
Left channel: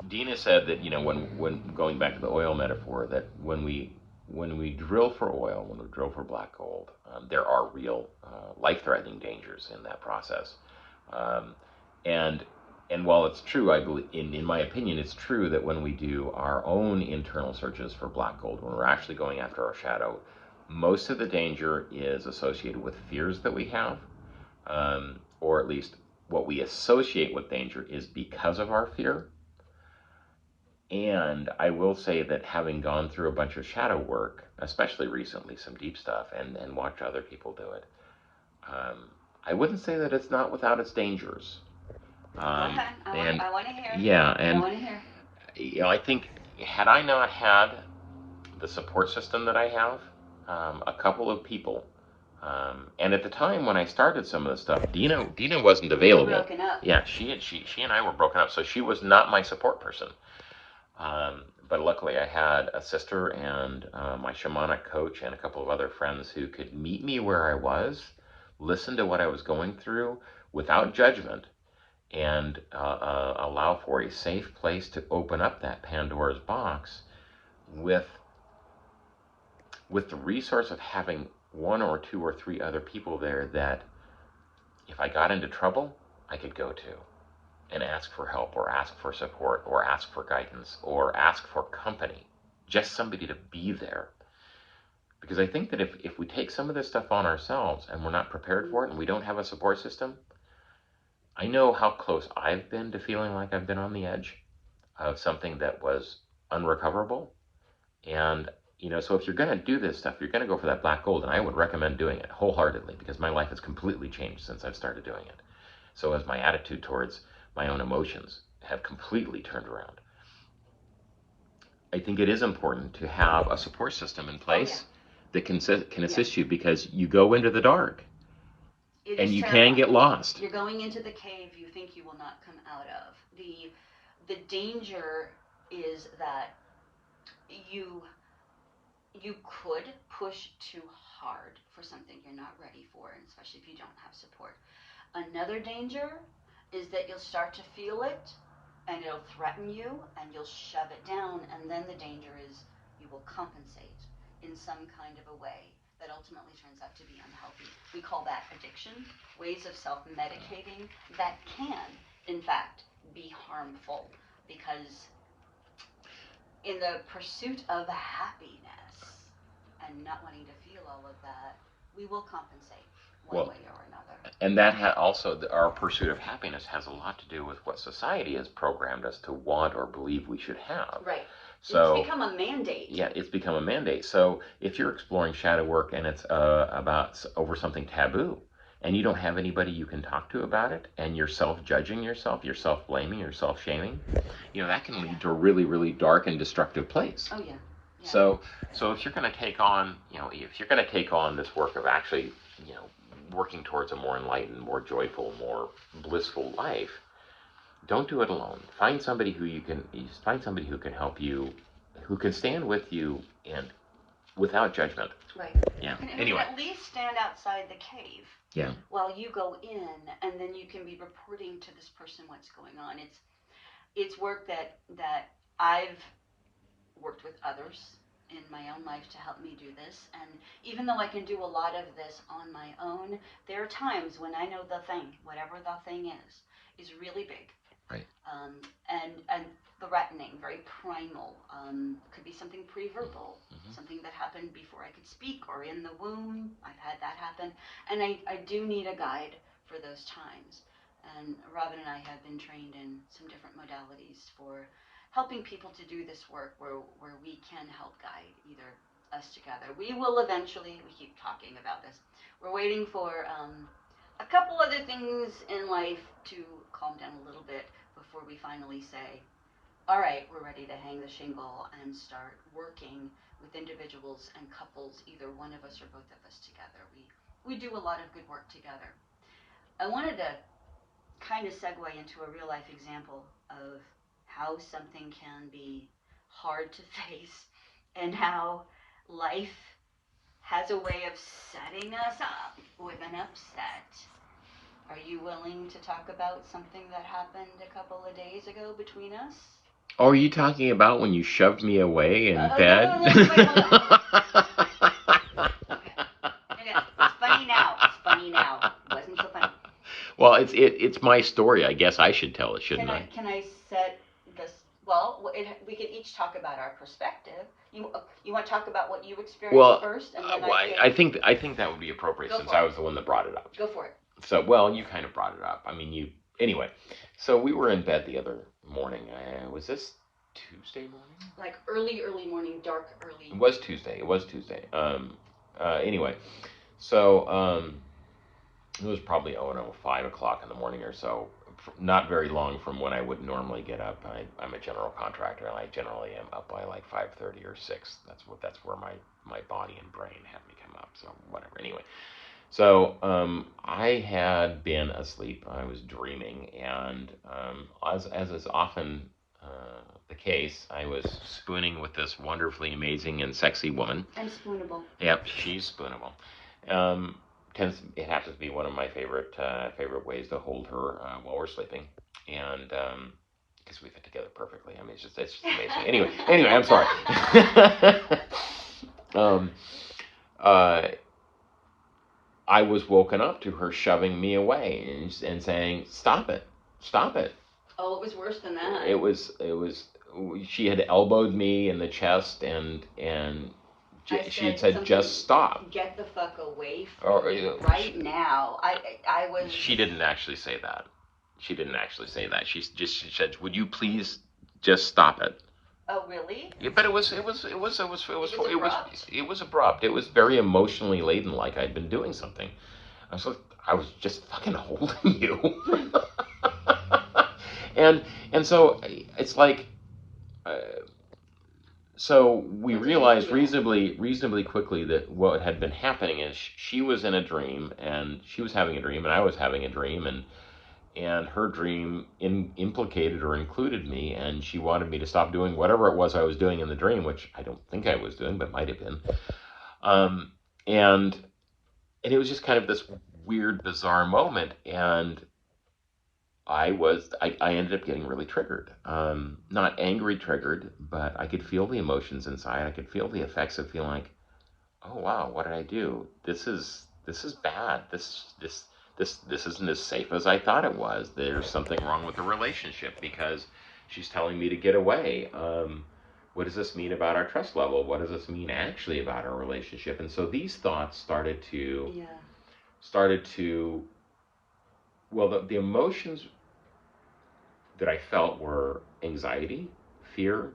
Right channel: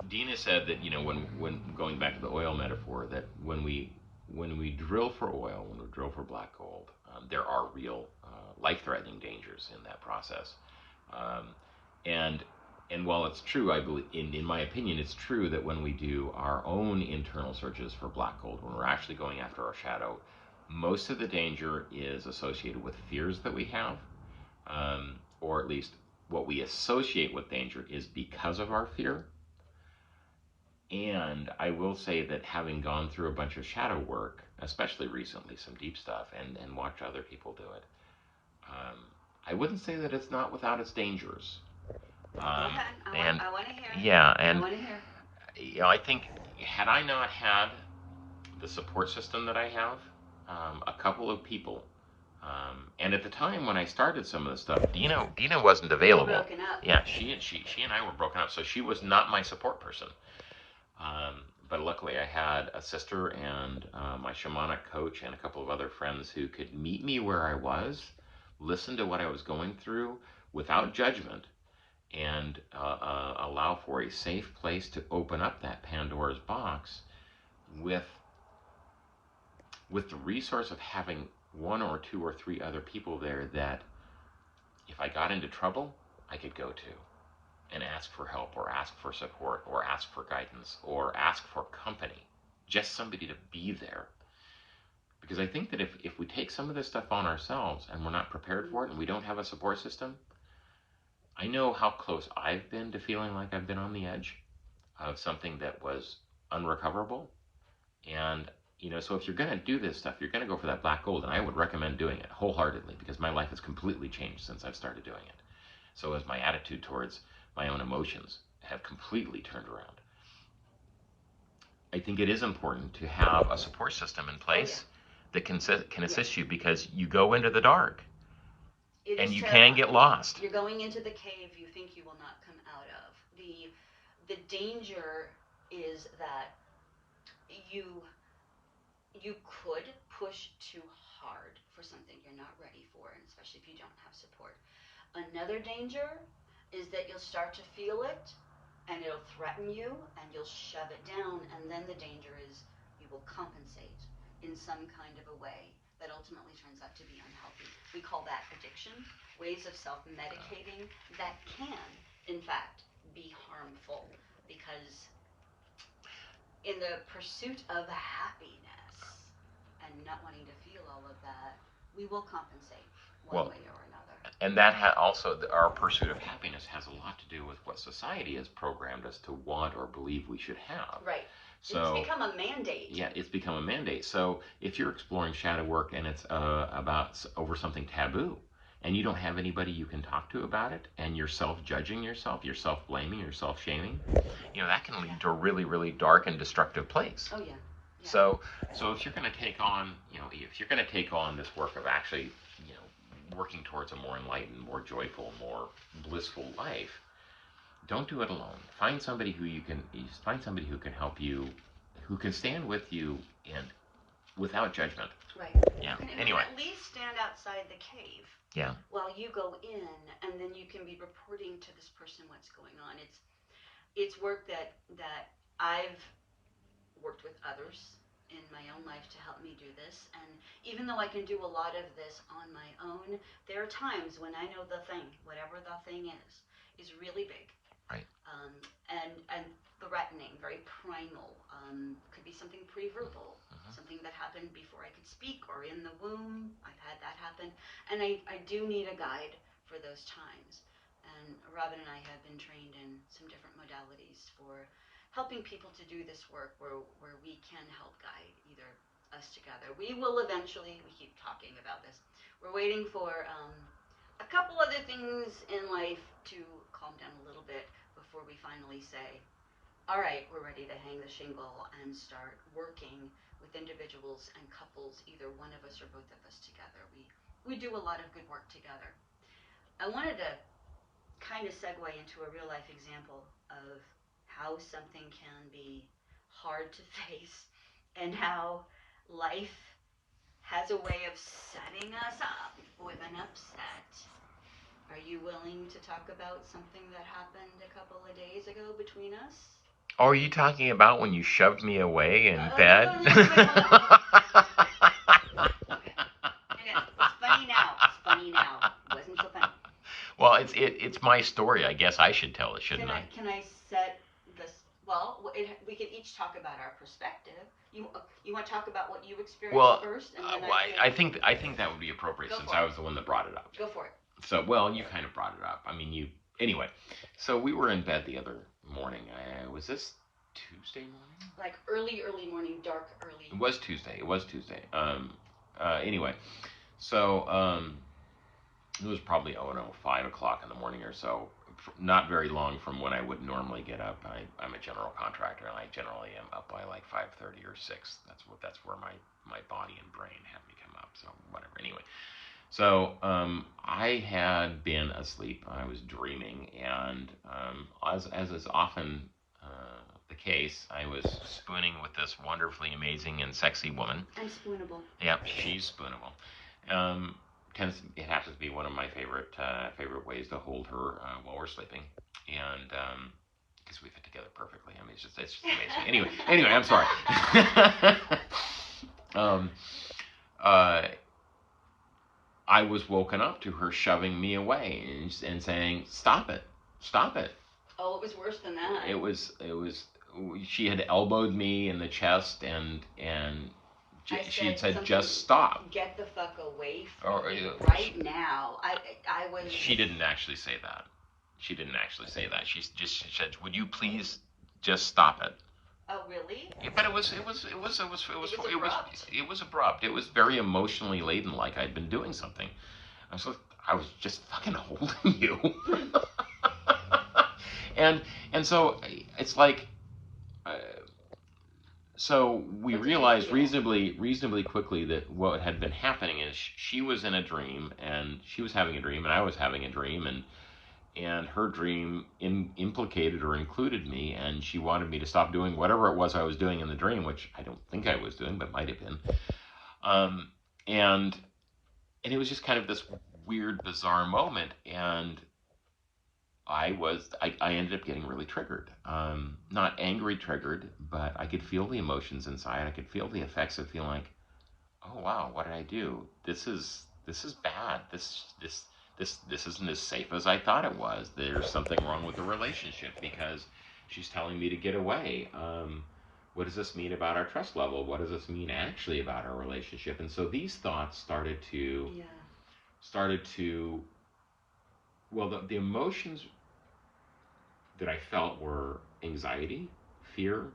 Dina said that, when going back to the oil metaphor, that when we drill for oil, when we drill for black gold, there are real life-threatening dangers in that process. And while it's true, I believe, in my opinion, it's true that when we do our own internal searches for black gold, when we're actually going after our shadow, most of the danger is associated with fears that we have, or at least what we associate with danger is because of our fear. And I will say that having gone through a bunch of shadow work, especially recently, some deep stuff, and watched other people do it, I wouldn't say that it's not without its dangers. I want to hear. Yeah, and I want to hear. I think had I not had the support system that I have, a couple of people, and at the time when I started some of this stuff, Dina wasn't available. Broken up. Yeah, she and I were broken up, so she was not my support person. But luckily, I had a sister and my shamanic coach and a couple of other friends who could meet me where I was, listen to what I was going through without judgment, and allow for a safe place to open up that Pandora's box with the resource of having one or two or three other people there that, if if I got into trouble, I could go to and ask for help or ask for support or ask for guidance or ask for company, just somebody to be there. Because I think that if we take some of this stuff on ourselves and we're not prepared for it and we don't have a support system, I know how close I've been to feeling like I've been on the edge of something that was unrecoverable. And, so if you're going to do this stuff, you're going to go for that black gold, and I would recommend doing it wholeheartedly because my life has completely changed since I've started doing it. So has my attitude towards my own emotions have completely turned around. I think it is important to have a support system in place that can assist you, because you go into the dark and you can get lost. You're going into the cave you think you will not come out of. The danger is that you could push too hard for something you're not ready for, and especially if you don't have support. Another danger is that you'll start to feel it and it'll threaten you and you'll shove it down, and then the danger is you will compensate in some kind of a way that ultimately turns out to be unhealthy. We call that addiction, ways of self-medicating that can, in fact, be harmful, because in the pursuit of happiness and not wanting to feel all of that, we will compensate one way or another. And that also, our pursuit of happiness has a lot to do with what society has programmed us to want or believe we should have. Right. So, it's become a mandate. Yeah, it's become a mandate. So if you're exploring shadow work and it's over something taboo, and you don't have anybody you can talk to about it, and you're self-judging yourself, you're self-blaming, you're self-shaming, that can lead to a really, really dark and destructive place. Oh yeah. So if you're going to take on, this work of actually, working towards a more enlightened, more joyful, more blissful life, don't do it alone. Find somebody who can help you, who can stand with you and without judgment. Right. Yeah. And anyway, at least stand outside the cave. Yeah. While you go in, and then you can be reporting to this person what's going on. It's work that I've worked with others in my own life to help me do this. And even though I can do a lot of this on my own, there are times when I know the thing, whatever the thing is really big. Right. And threatening, very primal. Could be something pre-verbal, something that happened before I could speak or in the womb. I've had that happen. And I do need a guide for those times. And Robin and I have been trained in some different modalities for helping people to do this work where we can help guide either us together. We will eventually, we keep talking about this, we're waiting for a couple other things in life to calm down a little bit before we finally say, all right, we're ready to hang the shingle and start working with individuals and couples, either one of us or both of us together. We do a lot of good work together. I wanted to kind of segue into a real life example of how something can be hard to face and how life has a way of setting us up with an upset. Are you willing to talk about something that happened a couple of days ago between us? Oh, are you talking about when you shoved me away in bed? No, wait. Okay. It's funny now. It wasn't so funny. Well, it's my story. I guess I should tell it, shouldn't I? Can I set this? Well, we can each talk about our perspective. You want to talk about what you experienced first, and then I think that would be appropriate since I was the one that brought it up. Go for it. So, you kind of brought it up. I mean, anyway. So we were in bed the other morning. Was this Tuesday morning? Like early morning, dark early. It was Tuesday. Anyway, so it was probably 5 o'clock in the morning or so. Not very long from when I would normally get up. I'm a general contractor, and I generally am up by like 5:30 or 6. That's where my body and brain have me come up. So whatever. Anyway. So I had been asleep. I was dreaming, and as is often the case, I was spooning with this wonderfully amazing and sexy woman. And spoonable. Yep, she's spoonable. It happens to be one of my favorite ways to hold her while we're sleeping, and because we fit together perfectly. I mean, it's just amazing. Anyway, I'm sorry. I was woken up to her shoving me away and saying, "Stop it, stop it." Oh, it was worse than that. It was. She had elbowed me in the chest and she had said, "Just stop. Get the fuck away from me right now." I was. She didn't actually say that. She didn't actually say that. She said, "Would you please just stop it?" Oh, really? Yeah, but it was abrupt. It was very emotionally laden, like I'd been doing something. I was just fucking holding you. and so it's like, so we realized reasonably quickly that what had been happening is she was in a dream, and she was having a dream, and I was having a dream, and her dream implicated or included me, and she wanted me to stop doing whatever it was I was doing in the dream, which I don't think I was doing, but might have been. And it was just kind of this weird, bizarre moment, and I ended up getting really triggered. Not angry triggered, but I could feel the emotions inside. I could feel the effects of feeling like, oh wow, what did I do? This is bad. This isn't as safe as I thought it was. There's something wrong with the relationship because she's telling me to get away. What does this mean about our trust level? What does this mean actually about our relationship? And so these thoughts started to, well, the emotions that I felt were anxiety, fear,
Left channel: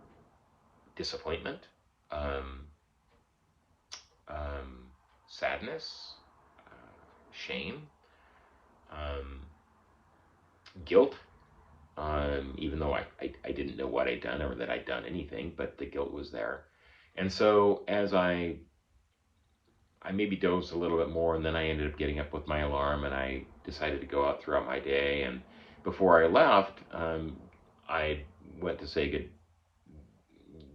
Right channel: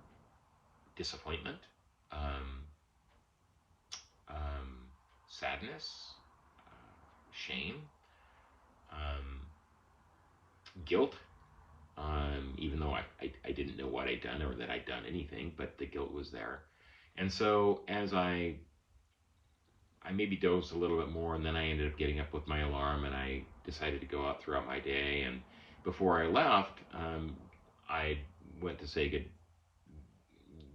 disappointment, sadness, shame, guilt, even though I didn't know what I'd done or that I'd done anything, but the guilt was there. And so as I maybe dozed a little bit more, and then I ended up getting up with my alarm, and I decided to go out throughout my day. And before I left, I went to say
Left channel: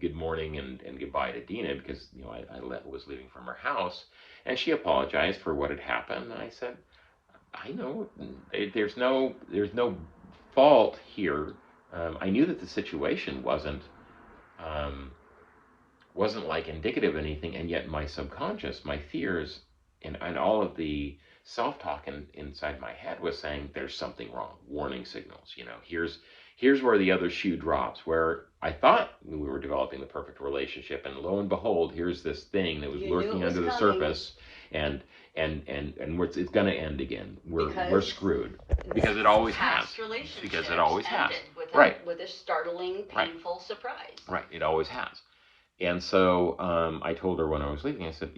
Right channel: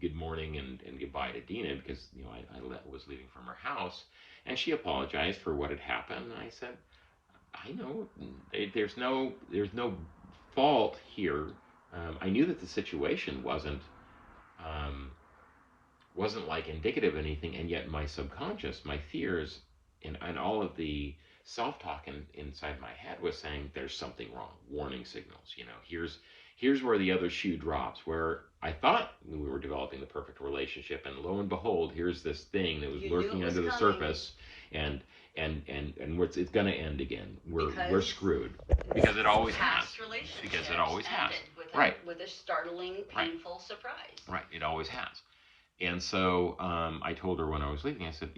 good morning and goodbye to Dina, because I was leaving from her house, and she apologized for what had happened. And I said, I know there's no fault here. I knew that the situation wasn't like indicative of anything, and yet my subconscious, my fears, and all of the self-talk inside my head was saying there's something wrong. Warning signals. Here's where the other shoe drops. Where I thought we were developing the perfect relationship, and lo and behold, here's this thing that was lurking under the surface, and it's going to end again. We're screwed because it always has. Because it always has. With a startling, painful surprise. Right. It always has. And so I told her when I was leaving, I said,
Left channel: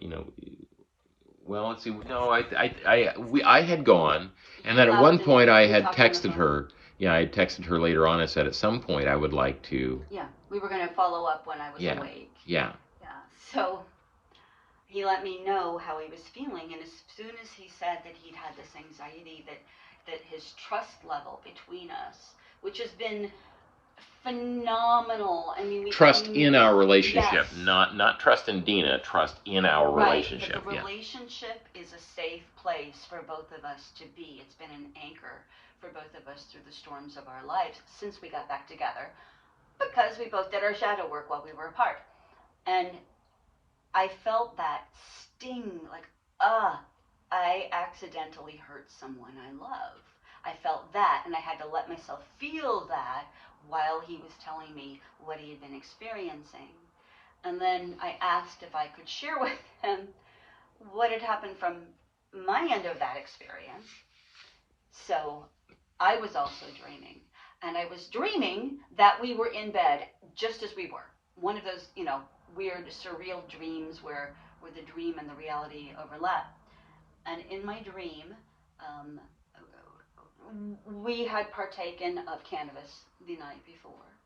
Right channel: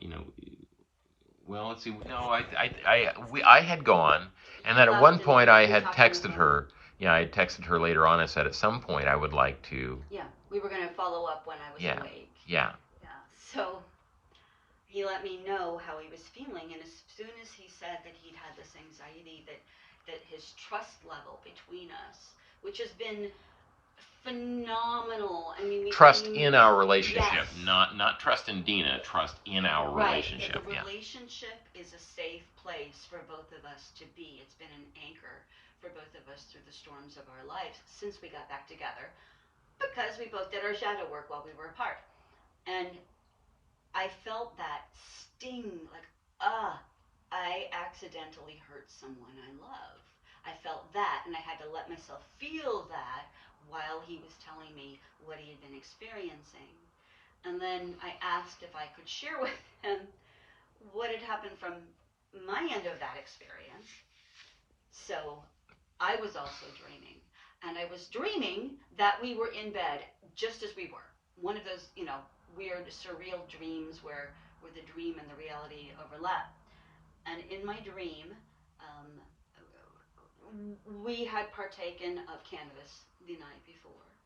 well, let's see. No, I had gone, and then at one point I had texted her. Yeah, I texted her later on. I said at some point I would like to. Yeah, we were going to follow up when I was awake. Yeah. Yeah. So he let me know how he was feeling, and as soon as he said that he'd had this anxiety, that his trust level between us, which has been phenomenal. I mean, trust in our relationship, yes. not trust in Dina, trust in our relationship. But the relationship is a safe place for both of us to be. It's been an anchor for both of us through the storms of our lives since we got back together, because we both did our shadow work while we were apart. And I felt that sting, like, I accidentally hurt someone I love. I felt that, and I had to let myself feel that while he was telling me what he had been experiencing. And then I asked if I could share with him what had happened from my end of that experience. So I was also dreaming. And I was dreaming that we were in bed just as we were. One of those, weird, surreal dreams where the dream and the reality overlap. And in my dream, we had partaken of cannabis the night before.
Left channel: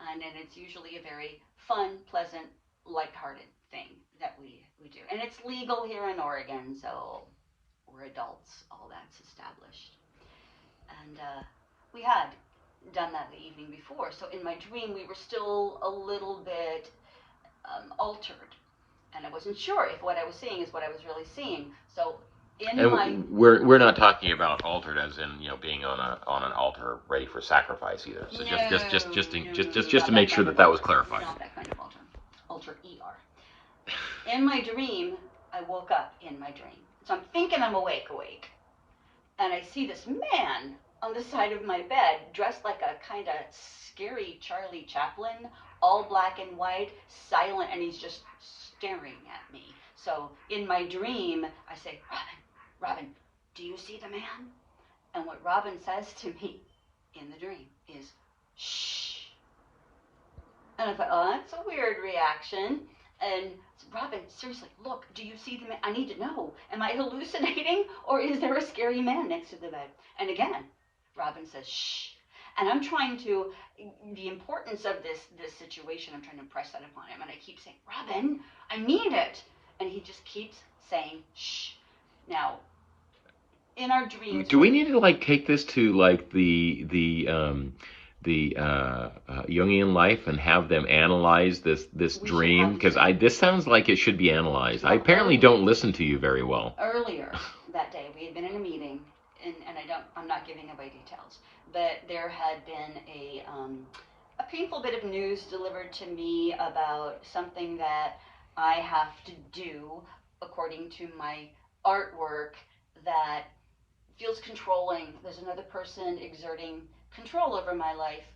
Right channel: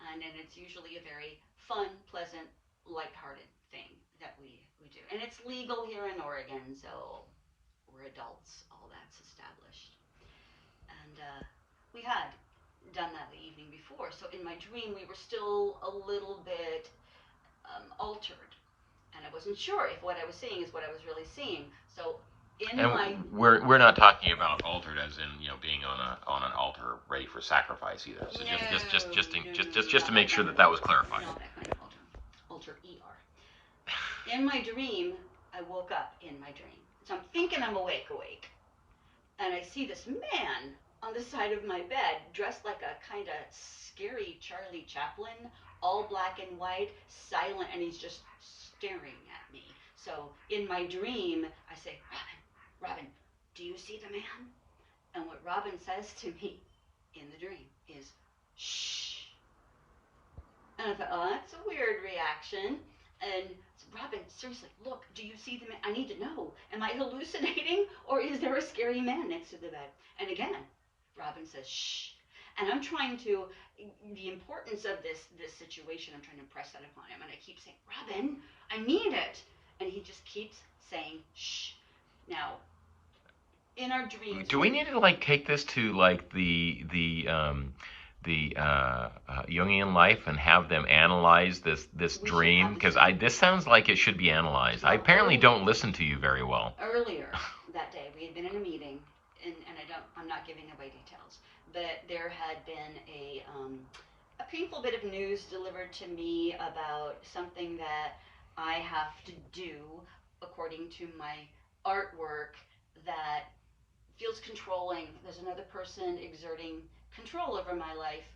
And it's usually a very fun, pleasant, lighthearted thing that we do. And it's legal here in Oregon, so we're adults, all that's established. And we had done that the evening before. So in my dream, we were still a little bit altered. And I wasn't sure if what I was seeing is what I was really seeing. So we're not talking about altered as in being on an altar ready for sacrifice either. So just to make sure that was clarified. Not that kind of altar. Altar ER. In my dream, I woke up in my dream. So I'm thinking I'm awake, and I see this man on the side of my bed, dressed like a kind of scary Charlie Chaplin, all black and white, silent, and he's just staring at me. So in my dream, I say, Robin, do you see the man? And what Robin says to me in the dream is, shh. And I thought, oh, that's a weird reaction. And Robin, seriously, look, do you see the man? I need to know. Am I hallucinating, or is there a scary man next to the bed? And again, Robin says, shh. And I'm trying to, the importance of this situation, I'm trying to impress that upon him. And I keep saying, Robin, I need it. And he just keeps saying, shh. Now, in our dreams... Do we need to, like, take this to, like, the Jungian life and have them analyze this dream? Because this sounds like it should be analyzed. Well, I apparently don't listen to you very well. Earlier that day, we had been in a meeting, and I'm not giving away details, but there had been a painful bit of news delivered to me about something that I have to do according to my artwork that feels controlling. There's another person exerting control over my life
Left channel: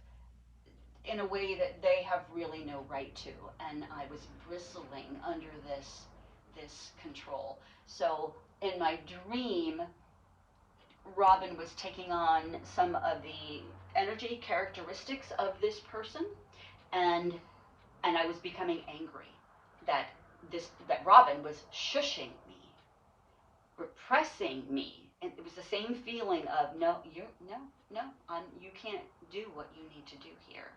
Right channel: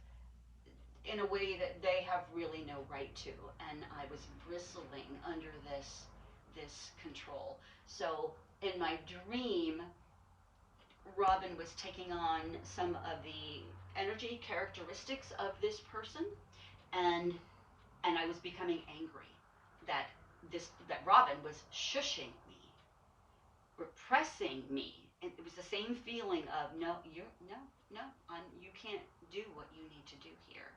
in a way that they have really no right to, and I was bristling under this control. So in my dream, Robin was taking on some of the energy characteristics of this person, and I was becoming angry that Robin was shushing me, repressing me. And it was the same feeling of you can't do what you need to do here.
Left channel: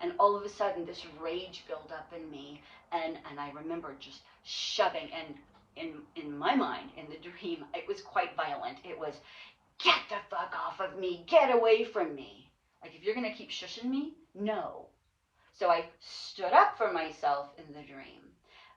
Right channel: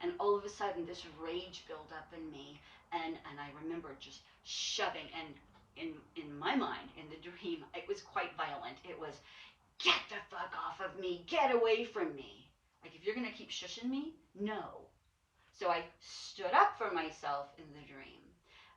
And all of a sudden, this rage built up in me, and I remember just shoving. And in my mind, in the dream, it was quite violent. It was, get the fuck off of me, get away from me. Like, if you're gonna keep shushing me, no. So I stood up for myself in the dream.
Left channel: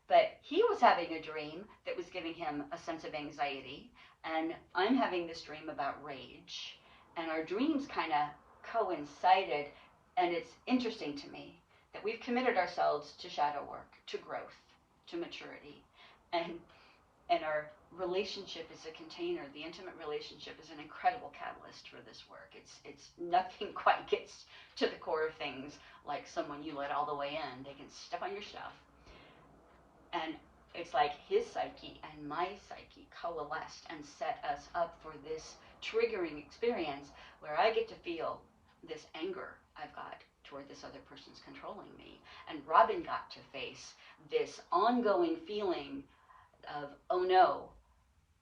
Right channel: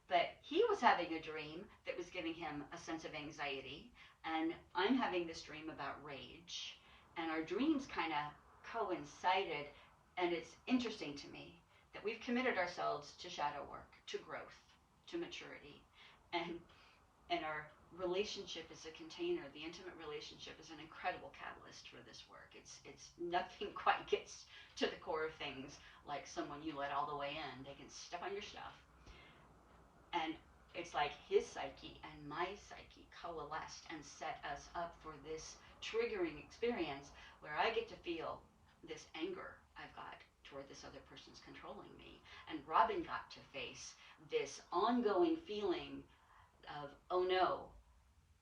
But he was having a dream that was giving him a sense of anxiety. And I'm having this dream about rage, and our dreams kind of coincided, and it's interesting to me that we've committed ourselves to shadow work, to growth, to maturity, and our relationship is a container. The intimate relationship is an incredible catalyst for this work. It's nothing quite gets to the core of things like someone you let all the way in. They can step on your stuff, and it's like his psyche and my psyche coalesced and set us up for this triggering experience where I get to feel this anger I've got toward this other person's controlling me. And Robin got to face this ongoing feeling of, oh no,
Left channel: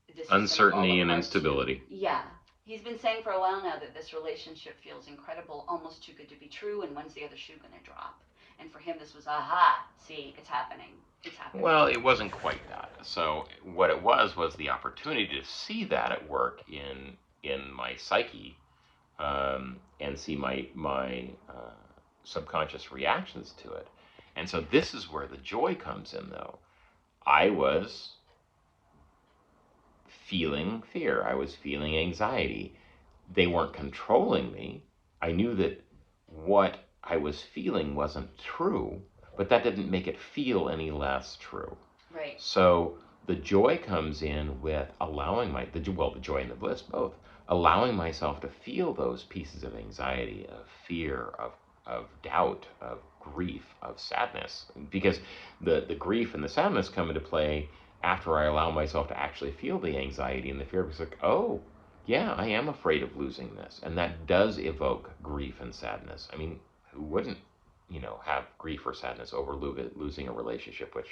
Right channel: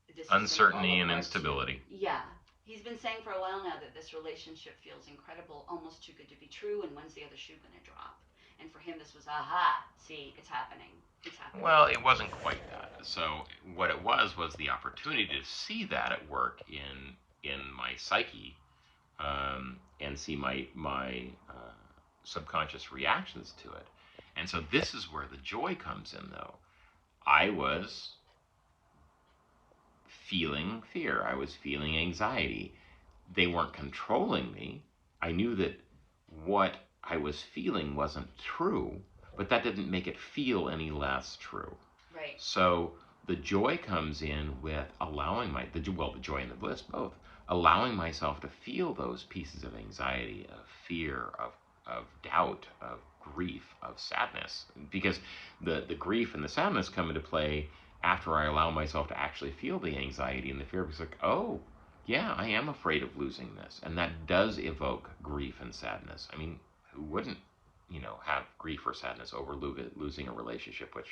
this is uncertainty and instability. Yeah. He's been saying for a while now that this relationship feels incredible, almost too good to be true, and when's the other shoe going to drop? And for him, this was, aha, see, it's happening. It's happening. Well, it wasn't quite that. So what it was the opportunity to see that at work in my psyche, and see my subconscious reactions to it. And so this is where the joy comes in, though. I was feeling fear. I was feeling anxiety. They weren't controlling me. I knew that what I was feeling wasn't true, but that didn't make it feel any less true. Right. So the joy comes in with allowing the joy and the bliss both, allowing myself to feel those pieces of anxiety, of fear, of doubt, of grief, of sadness, because the grief and the sadness come into play after I allow myself to actually feel the anxiety and the fear. It's like, oh, yeah, I am afraid of losing this, and that does evoke grief and sadness. I mean, who wouldn't, have grief or sadness over losing a relationship, which,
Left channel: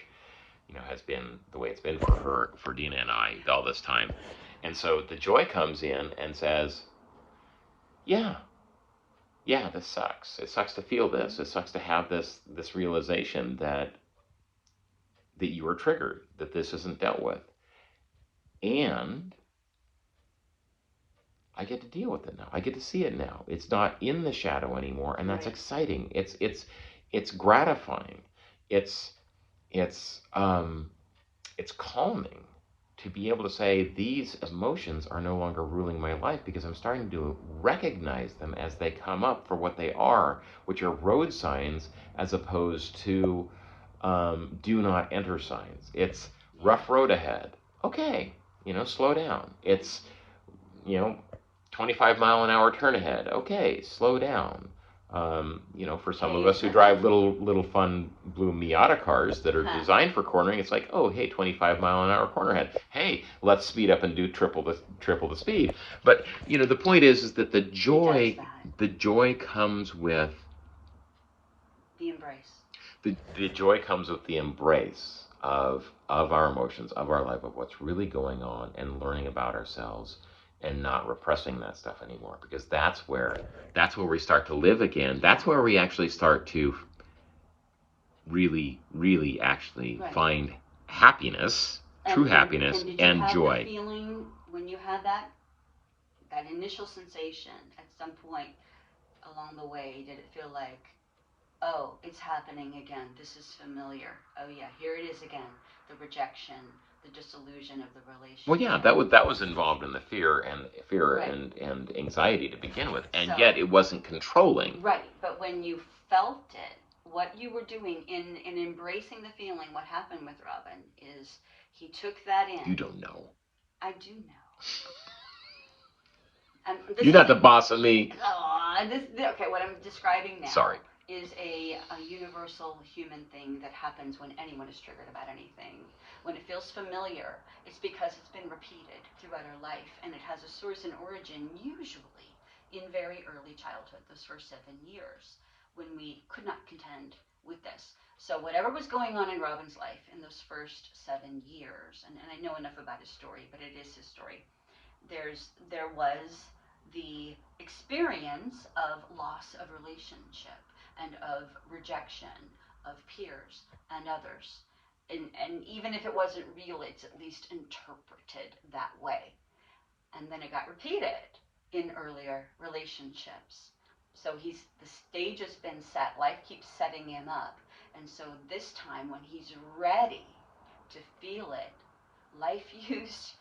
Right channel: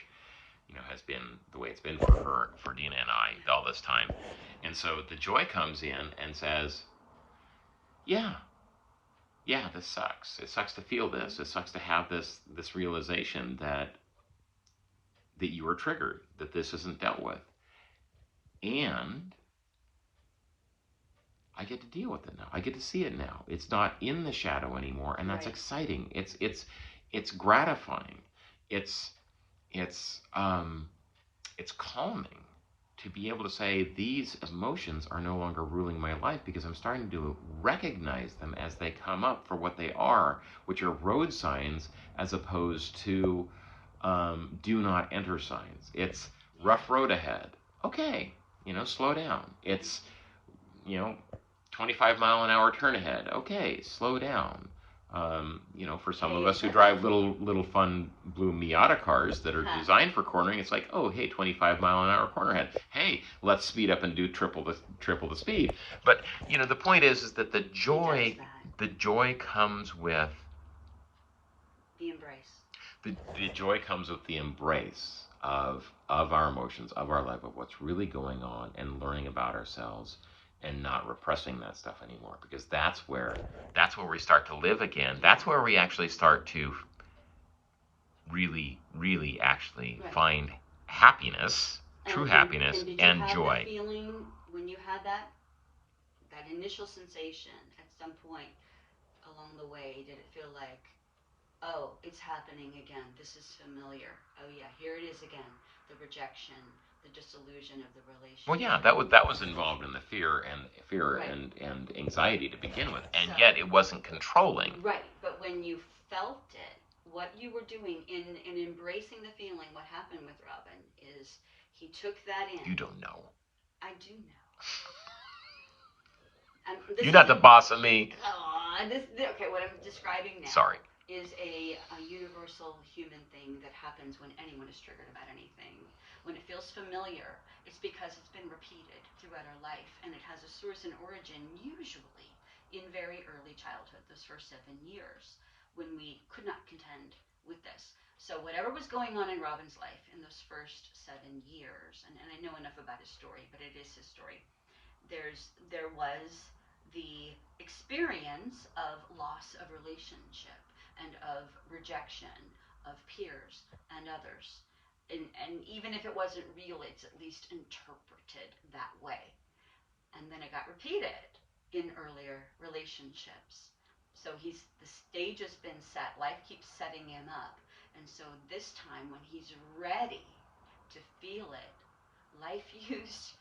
has been the way it's been for Dina and I all this time. And so the joy comes in and says, yeah, this sucks. It sucks to feel this. It sucks to have this realization that you were triggered, that this isn't dealt with. And I get to deal with it now. I get to see it now. It's not in the shadow anymore, and that's exciting. It's gratifying. It's calming to be able to say these emotions are no longer ruling my life, because I'm starting to recognize them as they come up for what they are, which are road signs as opposed to do not enter signs. It's rough road ahead. Okay, slow down. It's, 25-mile-an-hour turn ahead. Okay, slow down. For some of us who drive little fun blue Miata cars that are designed for cornering, it's like, oh, hey, 25-mile-an-hour corner ahead. Hey, let's speed up and do triple the speed. But the point is that the joy comes with the embrace. The joy comes with the embrace of our emotions, of our life, of what's really going on, and learning about ourselves, and not repressing that stuff anymore. Because that's where we start to live again. That's where we actually start to really, really actually find happiness, true happiness, and joy. The feeling when you had that initial sensation at some point along the way, did it feel like, oh, it's happening again, this is familiar, oh yeah, here it is again, the rejection, the disillusion of the relationship? Well, yeah, that was involved in the fear and anxiety to begin with, and yet it wasn't controlling. Right, but when you felt it, what you were doing in embracing the feeling, what happened with Robin is he took that in. You don't know. I do know. You're not the boss of me. Okay, what I'm describing now is a universal human thing that happens when anyone is triggered about anything. When it feels familiar, it's because it's been repeated throughout our life, and it has a source and origin usually in very early childhood, those first 7 years, when we could not contend with this. So whatever was going on in Robin's life in those first 7 years, and I know enough about his story, but it is his story, there was the experience of loss of relationship and of rejection of peers and others. And even if it wasn't real, it's at least interpreted that way. And then it got repeated in earlier relationships. So the stage has been set. Life keeps setting him up. And so this time when he's ready to feel it, life used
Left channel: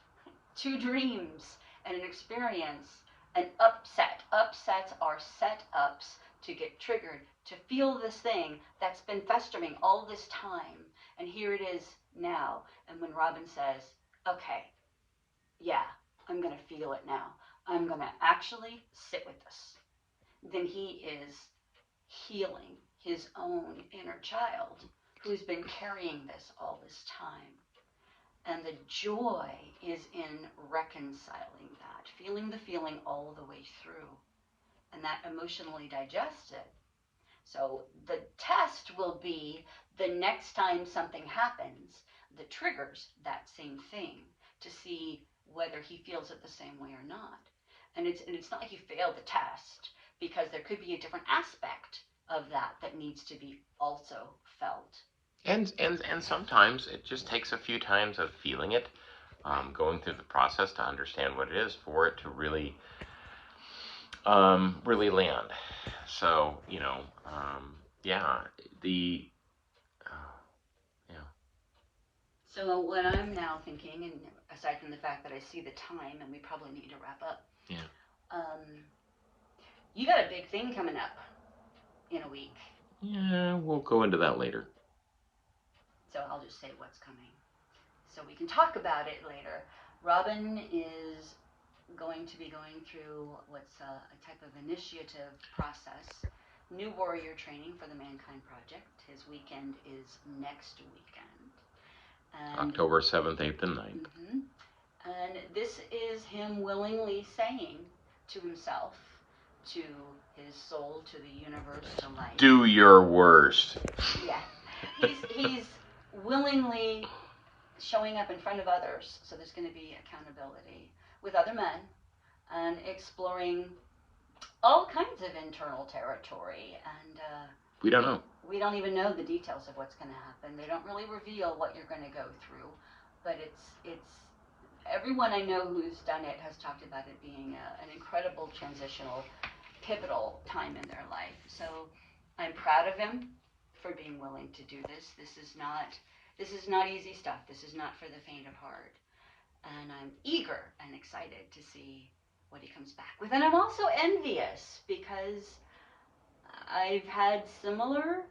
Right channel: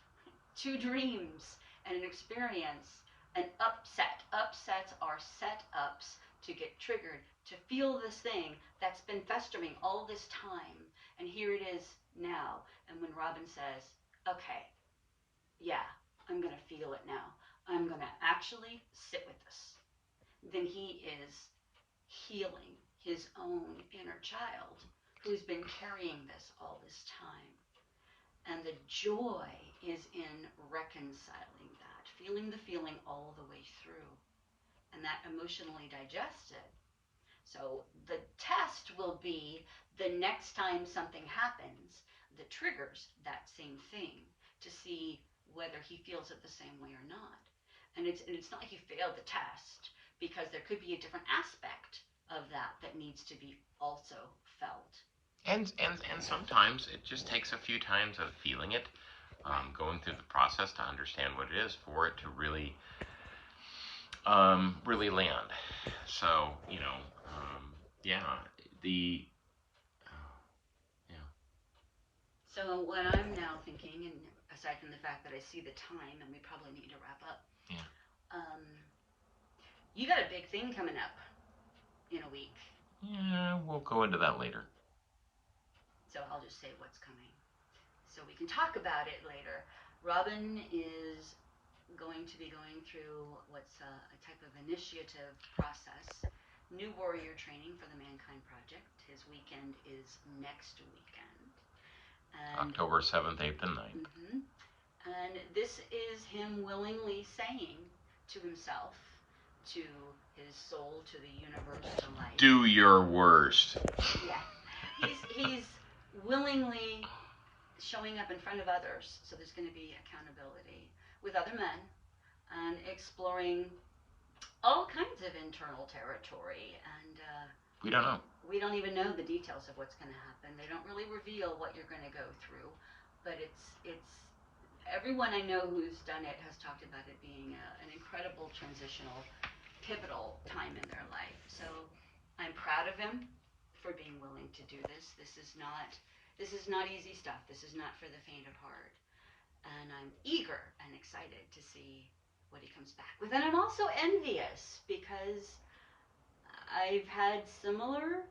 2 dreams and an experience, an upset. Upsets are set-ups to get triggered, to feel this thing that's been festering all this time. And here it is now. And when Robin says, okay, yeah, I'm going to feel it now. I'm going to actually sit with this. Then he is healing his own inner child who's been carrying this all this time. And the joy is in reconciling that, feeling the feeling all the way through, and that emotionally digest it. So the test will be the next time something happens that triggers that same thing, to see whether he feels it the same way or not. And it's not like he failed the test, because there could be a different aspect of that needs to be also felt. And sometimes it just takes a few times of feeling it, going through the process to understand what it is, for it to really land. So, So what I'm now thinking, and aside from the fact that I see the time and we probably need to wrap up, you got a big thing coming up in a week. Yeah, we'll go into that later. So I'll just say what's coming, so we can talk about it later. Robin is going to be going through what's a type of initiative process, new warrior training for the Mankind Project. His weekend is next weekend. And October 7th, 8th, and 9th. Mm-hmm. And this is him willingly saying to himself, to his soul, to the universe, to life, do your worst. Yeah. He's willingly showing up in front of others, so there's going to be accountability with other men, and exploring all kinds of internal territory. And we don't know. We don't even know the details of what's going to happen. They don't really reveal what you're going to go through, but it's everyone I know who's done it has talked about it being an incredible transitional, pivotal time in their life. So I'm proud of him for being willing to do this. This is not easy stuff. This is not for the faint of heart. And I'm eager and excited to see what he comes back with. And I'm also envious, because I've had similar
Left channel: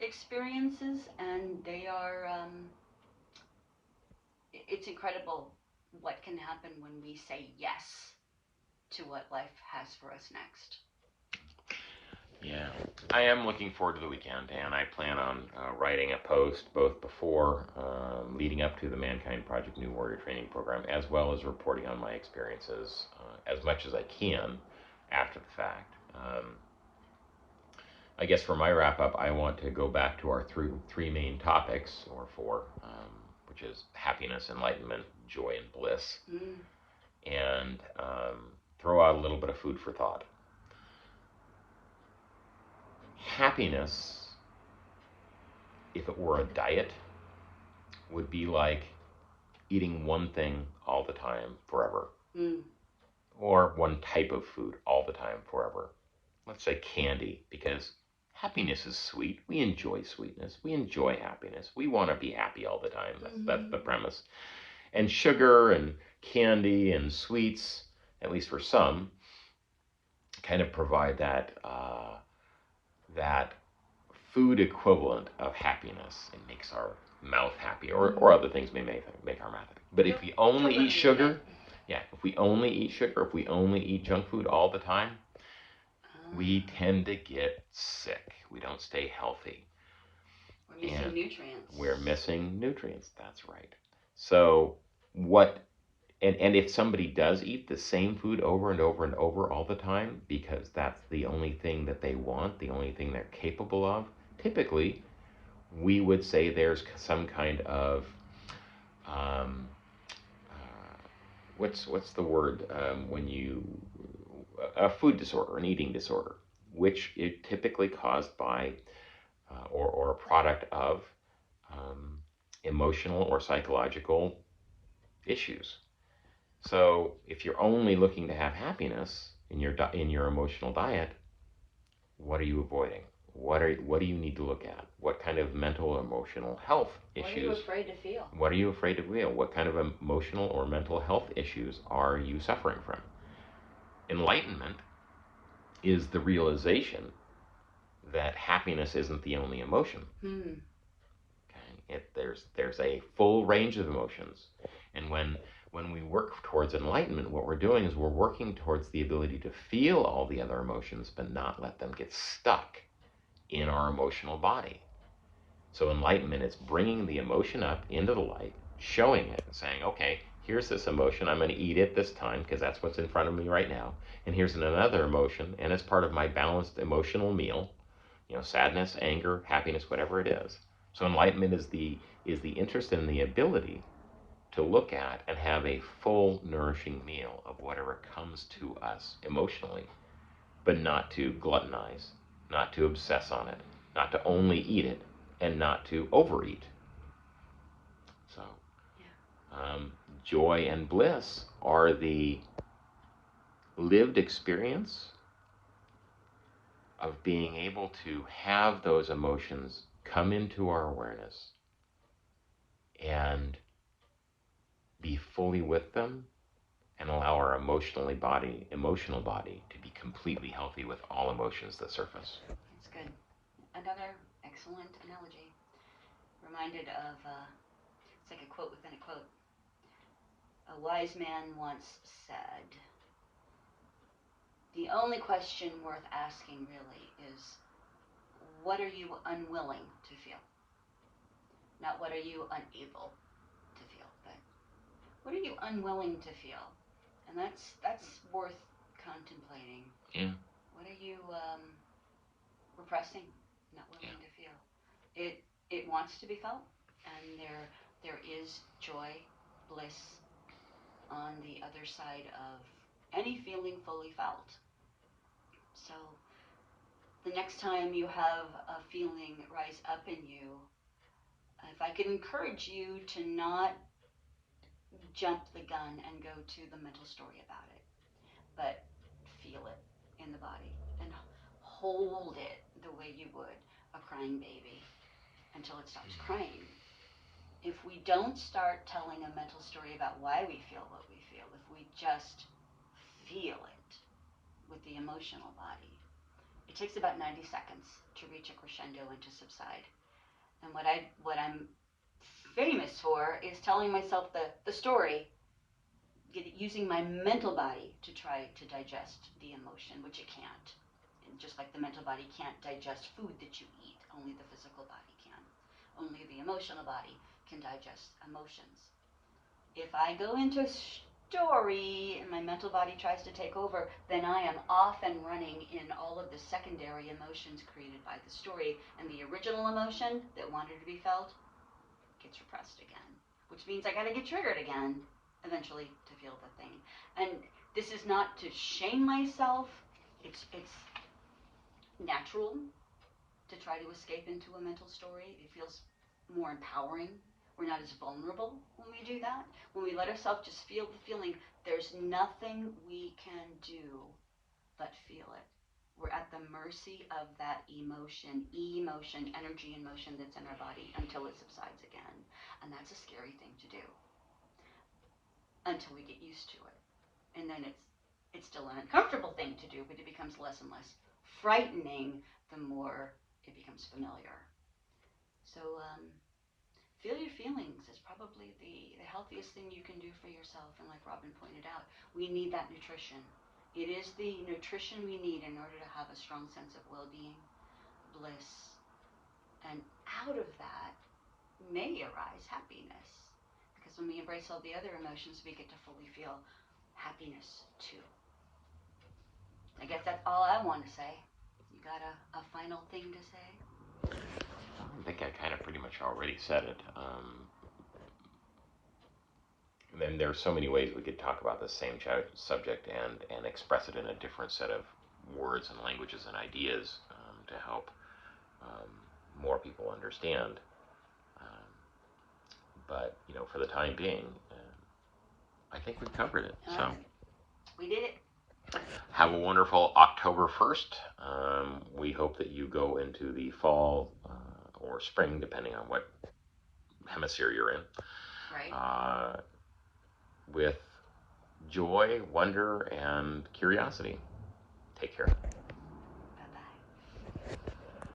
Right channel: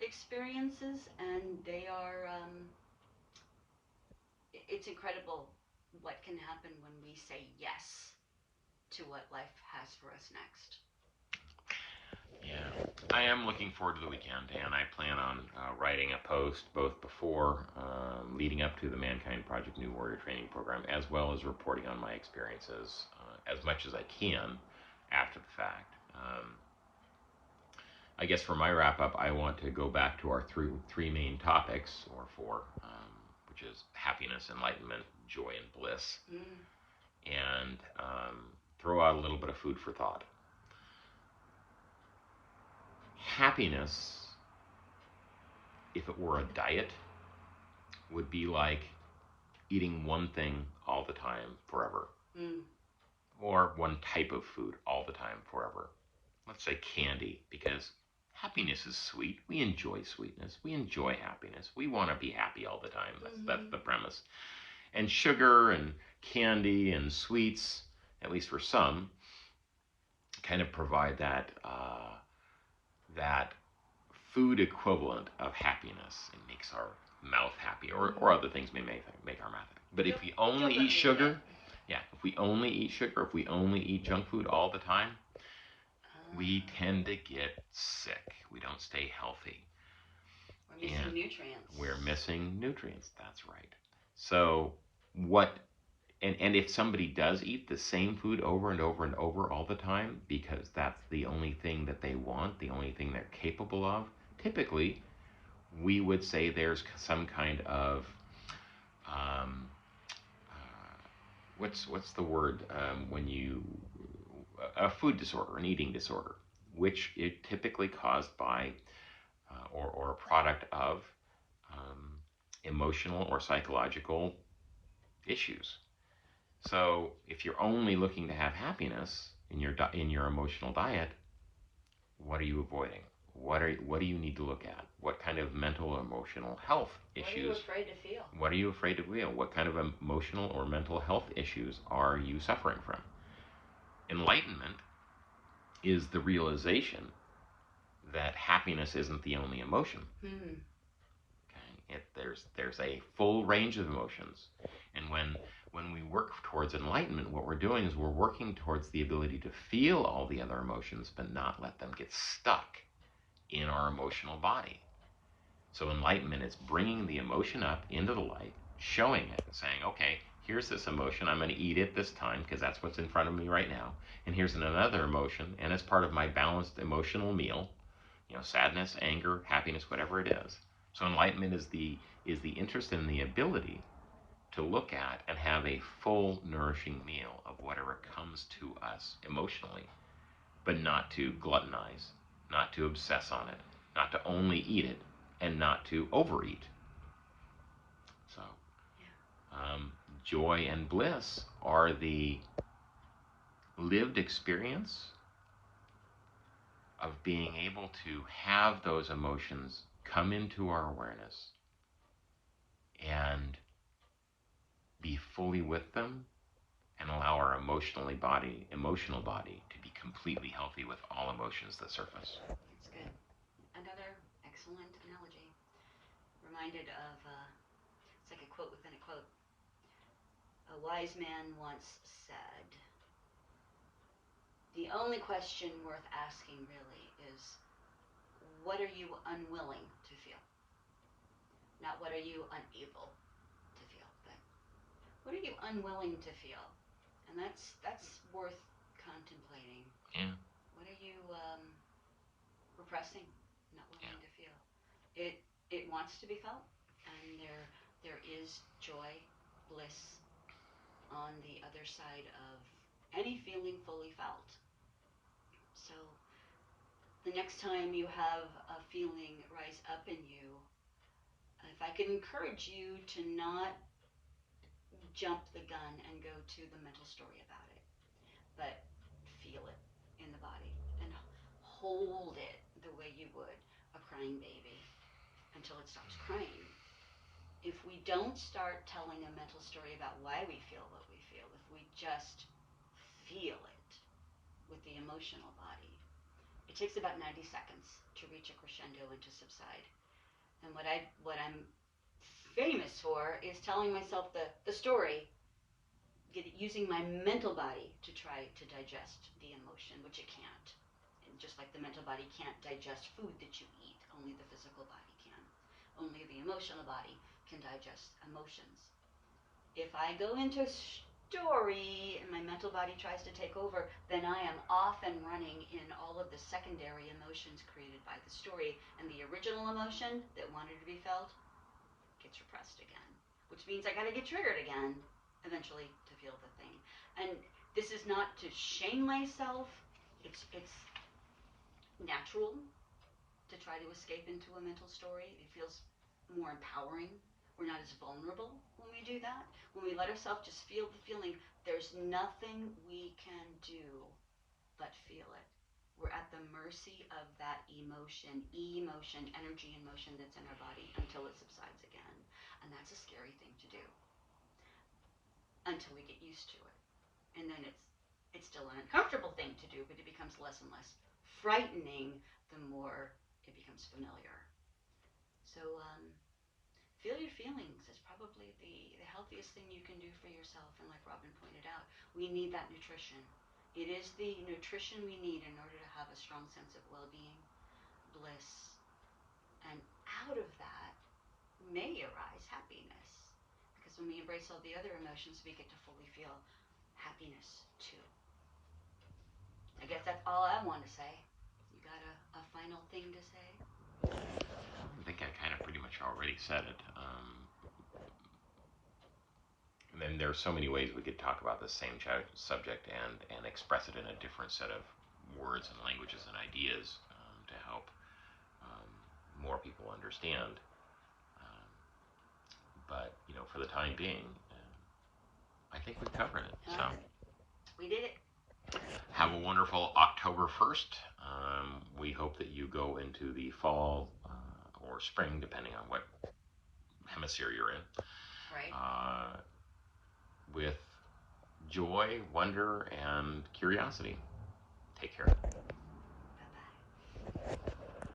experiences, and they are, it's incredible what can happen when we say yes to what life has for us next. Yeah, I am looking forward to the weekend, and I plan on writing a post both before, leading up to the Mankind Project New Warrior Training Program, as well as reporting on my experiences as much as I can after the fact. I guess for my wrap up, I want to go back to our three main topics, or four, which is happiness, enlightenment, joy, and bliss, and throw out a little bit of food for thought. Happiness, if it were a diet, would be like eating one thing all the time forever, or one type of food all the time forever. Let's say candy, because happiness is sweet. We enjoy sweetness. We enjoy happiness. We want to be happy all the time. That's the premise. And sugar and candy and sweets, at least for some, kind of provide that that food equivalent of happiness. It makes our mouth happy, or other things may make our mouth happy. But if we only eat sugar, if we only eat sugar, if we only eat junk food all the time, we tend to get sick. We don't stay healthy. We're missing nutrients. We're missing nutrients, that's right. So and if somebody does eat the same food over and over and over all the time, because that's the only thing that they want, the only thing they're capable of, typically we would say there's some kind of what's the word when you a food disorder, an eating disorder, which is typically caused by or a product of emotional or psychological issues. So if you're only looking to have happiness in your emotional diet, what are you avoiding? What do you need to look at? What kind of mental or emotional health issues? What are you afraid to feel? What are you afraid to feel? What kind of emotional or mental health issues are you suffering from? Enlightenment is the realization that happiness isn't the only emotion. Okay? There's a full range of emotions, and when we work towards enlightenment, what we're doing is we're working towards the ability to feel all the other emotions, but not let them get stuck in our emotional body. So enlightenment is bringing the emotion up into the light, showing it, saying, okay, here's this emotion, I'm going to eat it this time because that's what's in front of me right now. And here's another emotion, and it's part of my balanced emotional meal, sadness, anger, happiness, whatever it is. So enlightenment is the interest in the ability to look at and have a full, nourishing meal of whatever comes to us emotionally, but not to gluttonize, not to obsess on it, not to only eat it, and not to overeat. So, joy and bliss are the lived experience of being able to have those emotions come into our awareness and be fully with them, and allow our emotional body to be completely healthy with all emotions that surface. That's good. Another excellent analogy. Reminded of, it's like a quote within a quote. A wise man once said, the only question worth asking really is, what are you unwilling to feel? Not what are you unable to feel, but what are you unwilling to feel? And that's worth contemplating. What are you repressing, not willing to feel? It wants to be felt, and there is joy, bliss on the other side of any feeling fully felt. So the next time you have a feeling rise up in you, if I could encourage you to not jump the gun and go to the mental story about it, but feel it in the body and hold it the way you would a crying baby until it stops crying. If we don't start telling a mental story about why we feel what we feel, if we just feel it with the emotional body, it takes about 90 seconds to reach a crescendo and to subside. And what I'm famous for is telling myself the story using my mental body to try to digest the emotion, which it can't. And just like the mental body can't digest food that you eat, only the physical body can. Only the emotional body can digest emotions. If I go into a story and my mental body tries to take over, then I am off and running in all of the secondary emotions created by the story, and the original emotion that wanted to be felt gets repressed again, which means I got to get triggered again eventually to feel the thing. And this is not to shame myself. It's natural to try to escape into a mental story. It feels more empowering. We're not as vulnerable when we do that. When we let ourselves just feel the feeling, there's nothing we can do but feel it. We're at the mercy of that emotion, energy and motion that's in our body until it subsides again. And that's a scary thing to do until we get used to it. And then it's still an uncomfortable thing to do, but it becomes less and less frightening the more it becomes familiar. So feel your feelings is probably the healthiest thing you can do for yourself. And like Robin pointed out, we need that nutrition. It is the nutrition we need in order to have a strong sense of well-being, bliss, and out of that may arise happiness. Because when we embrace all the other emotions, we get to fully feel happiness too. I guess that's all I want to say. You got a final thing to say? I think I kind of pretty much already said it. And there are so many ways we could talk about the same subject and express it in a different set of words and languages and ideas to help more people understand. But, for the time being, I think we've covered it. So we did it. Have a wonderful October 1st. We hope that you go into the fall or spring, depending on what hemisphere you're in. Right. With joy, wonder, and curiosity. Take care.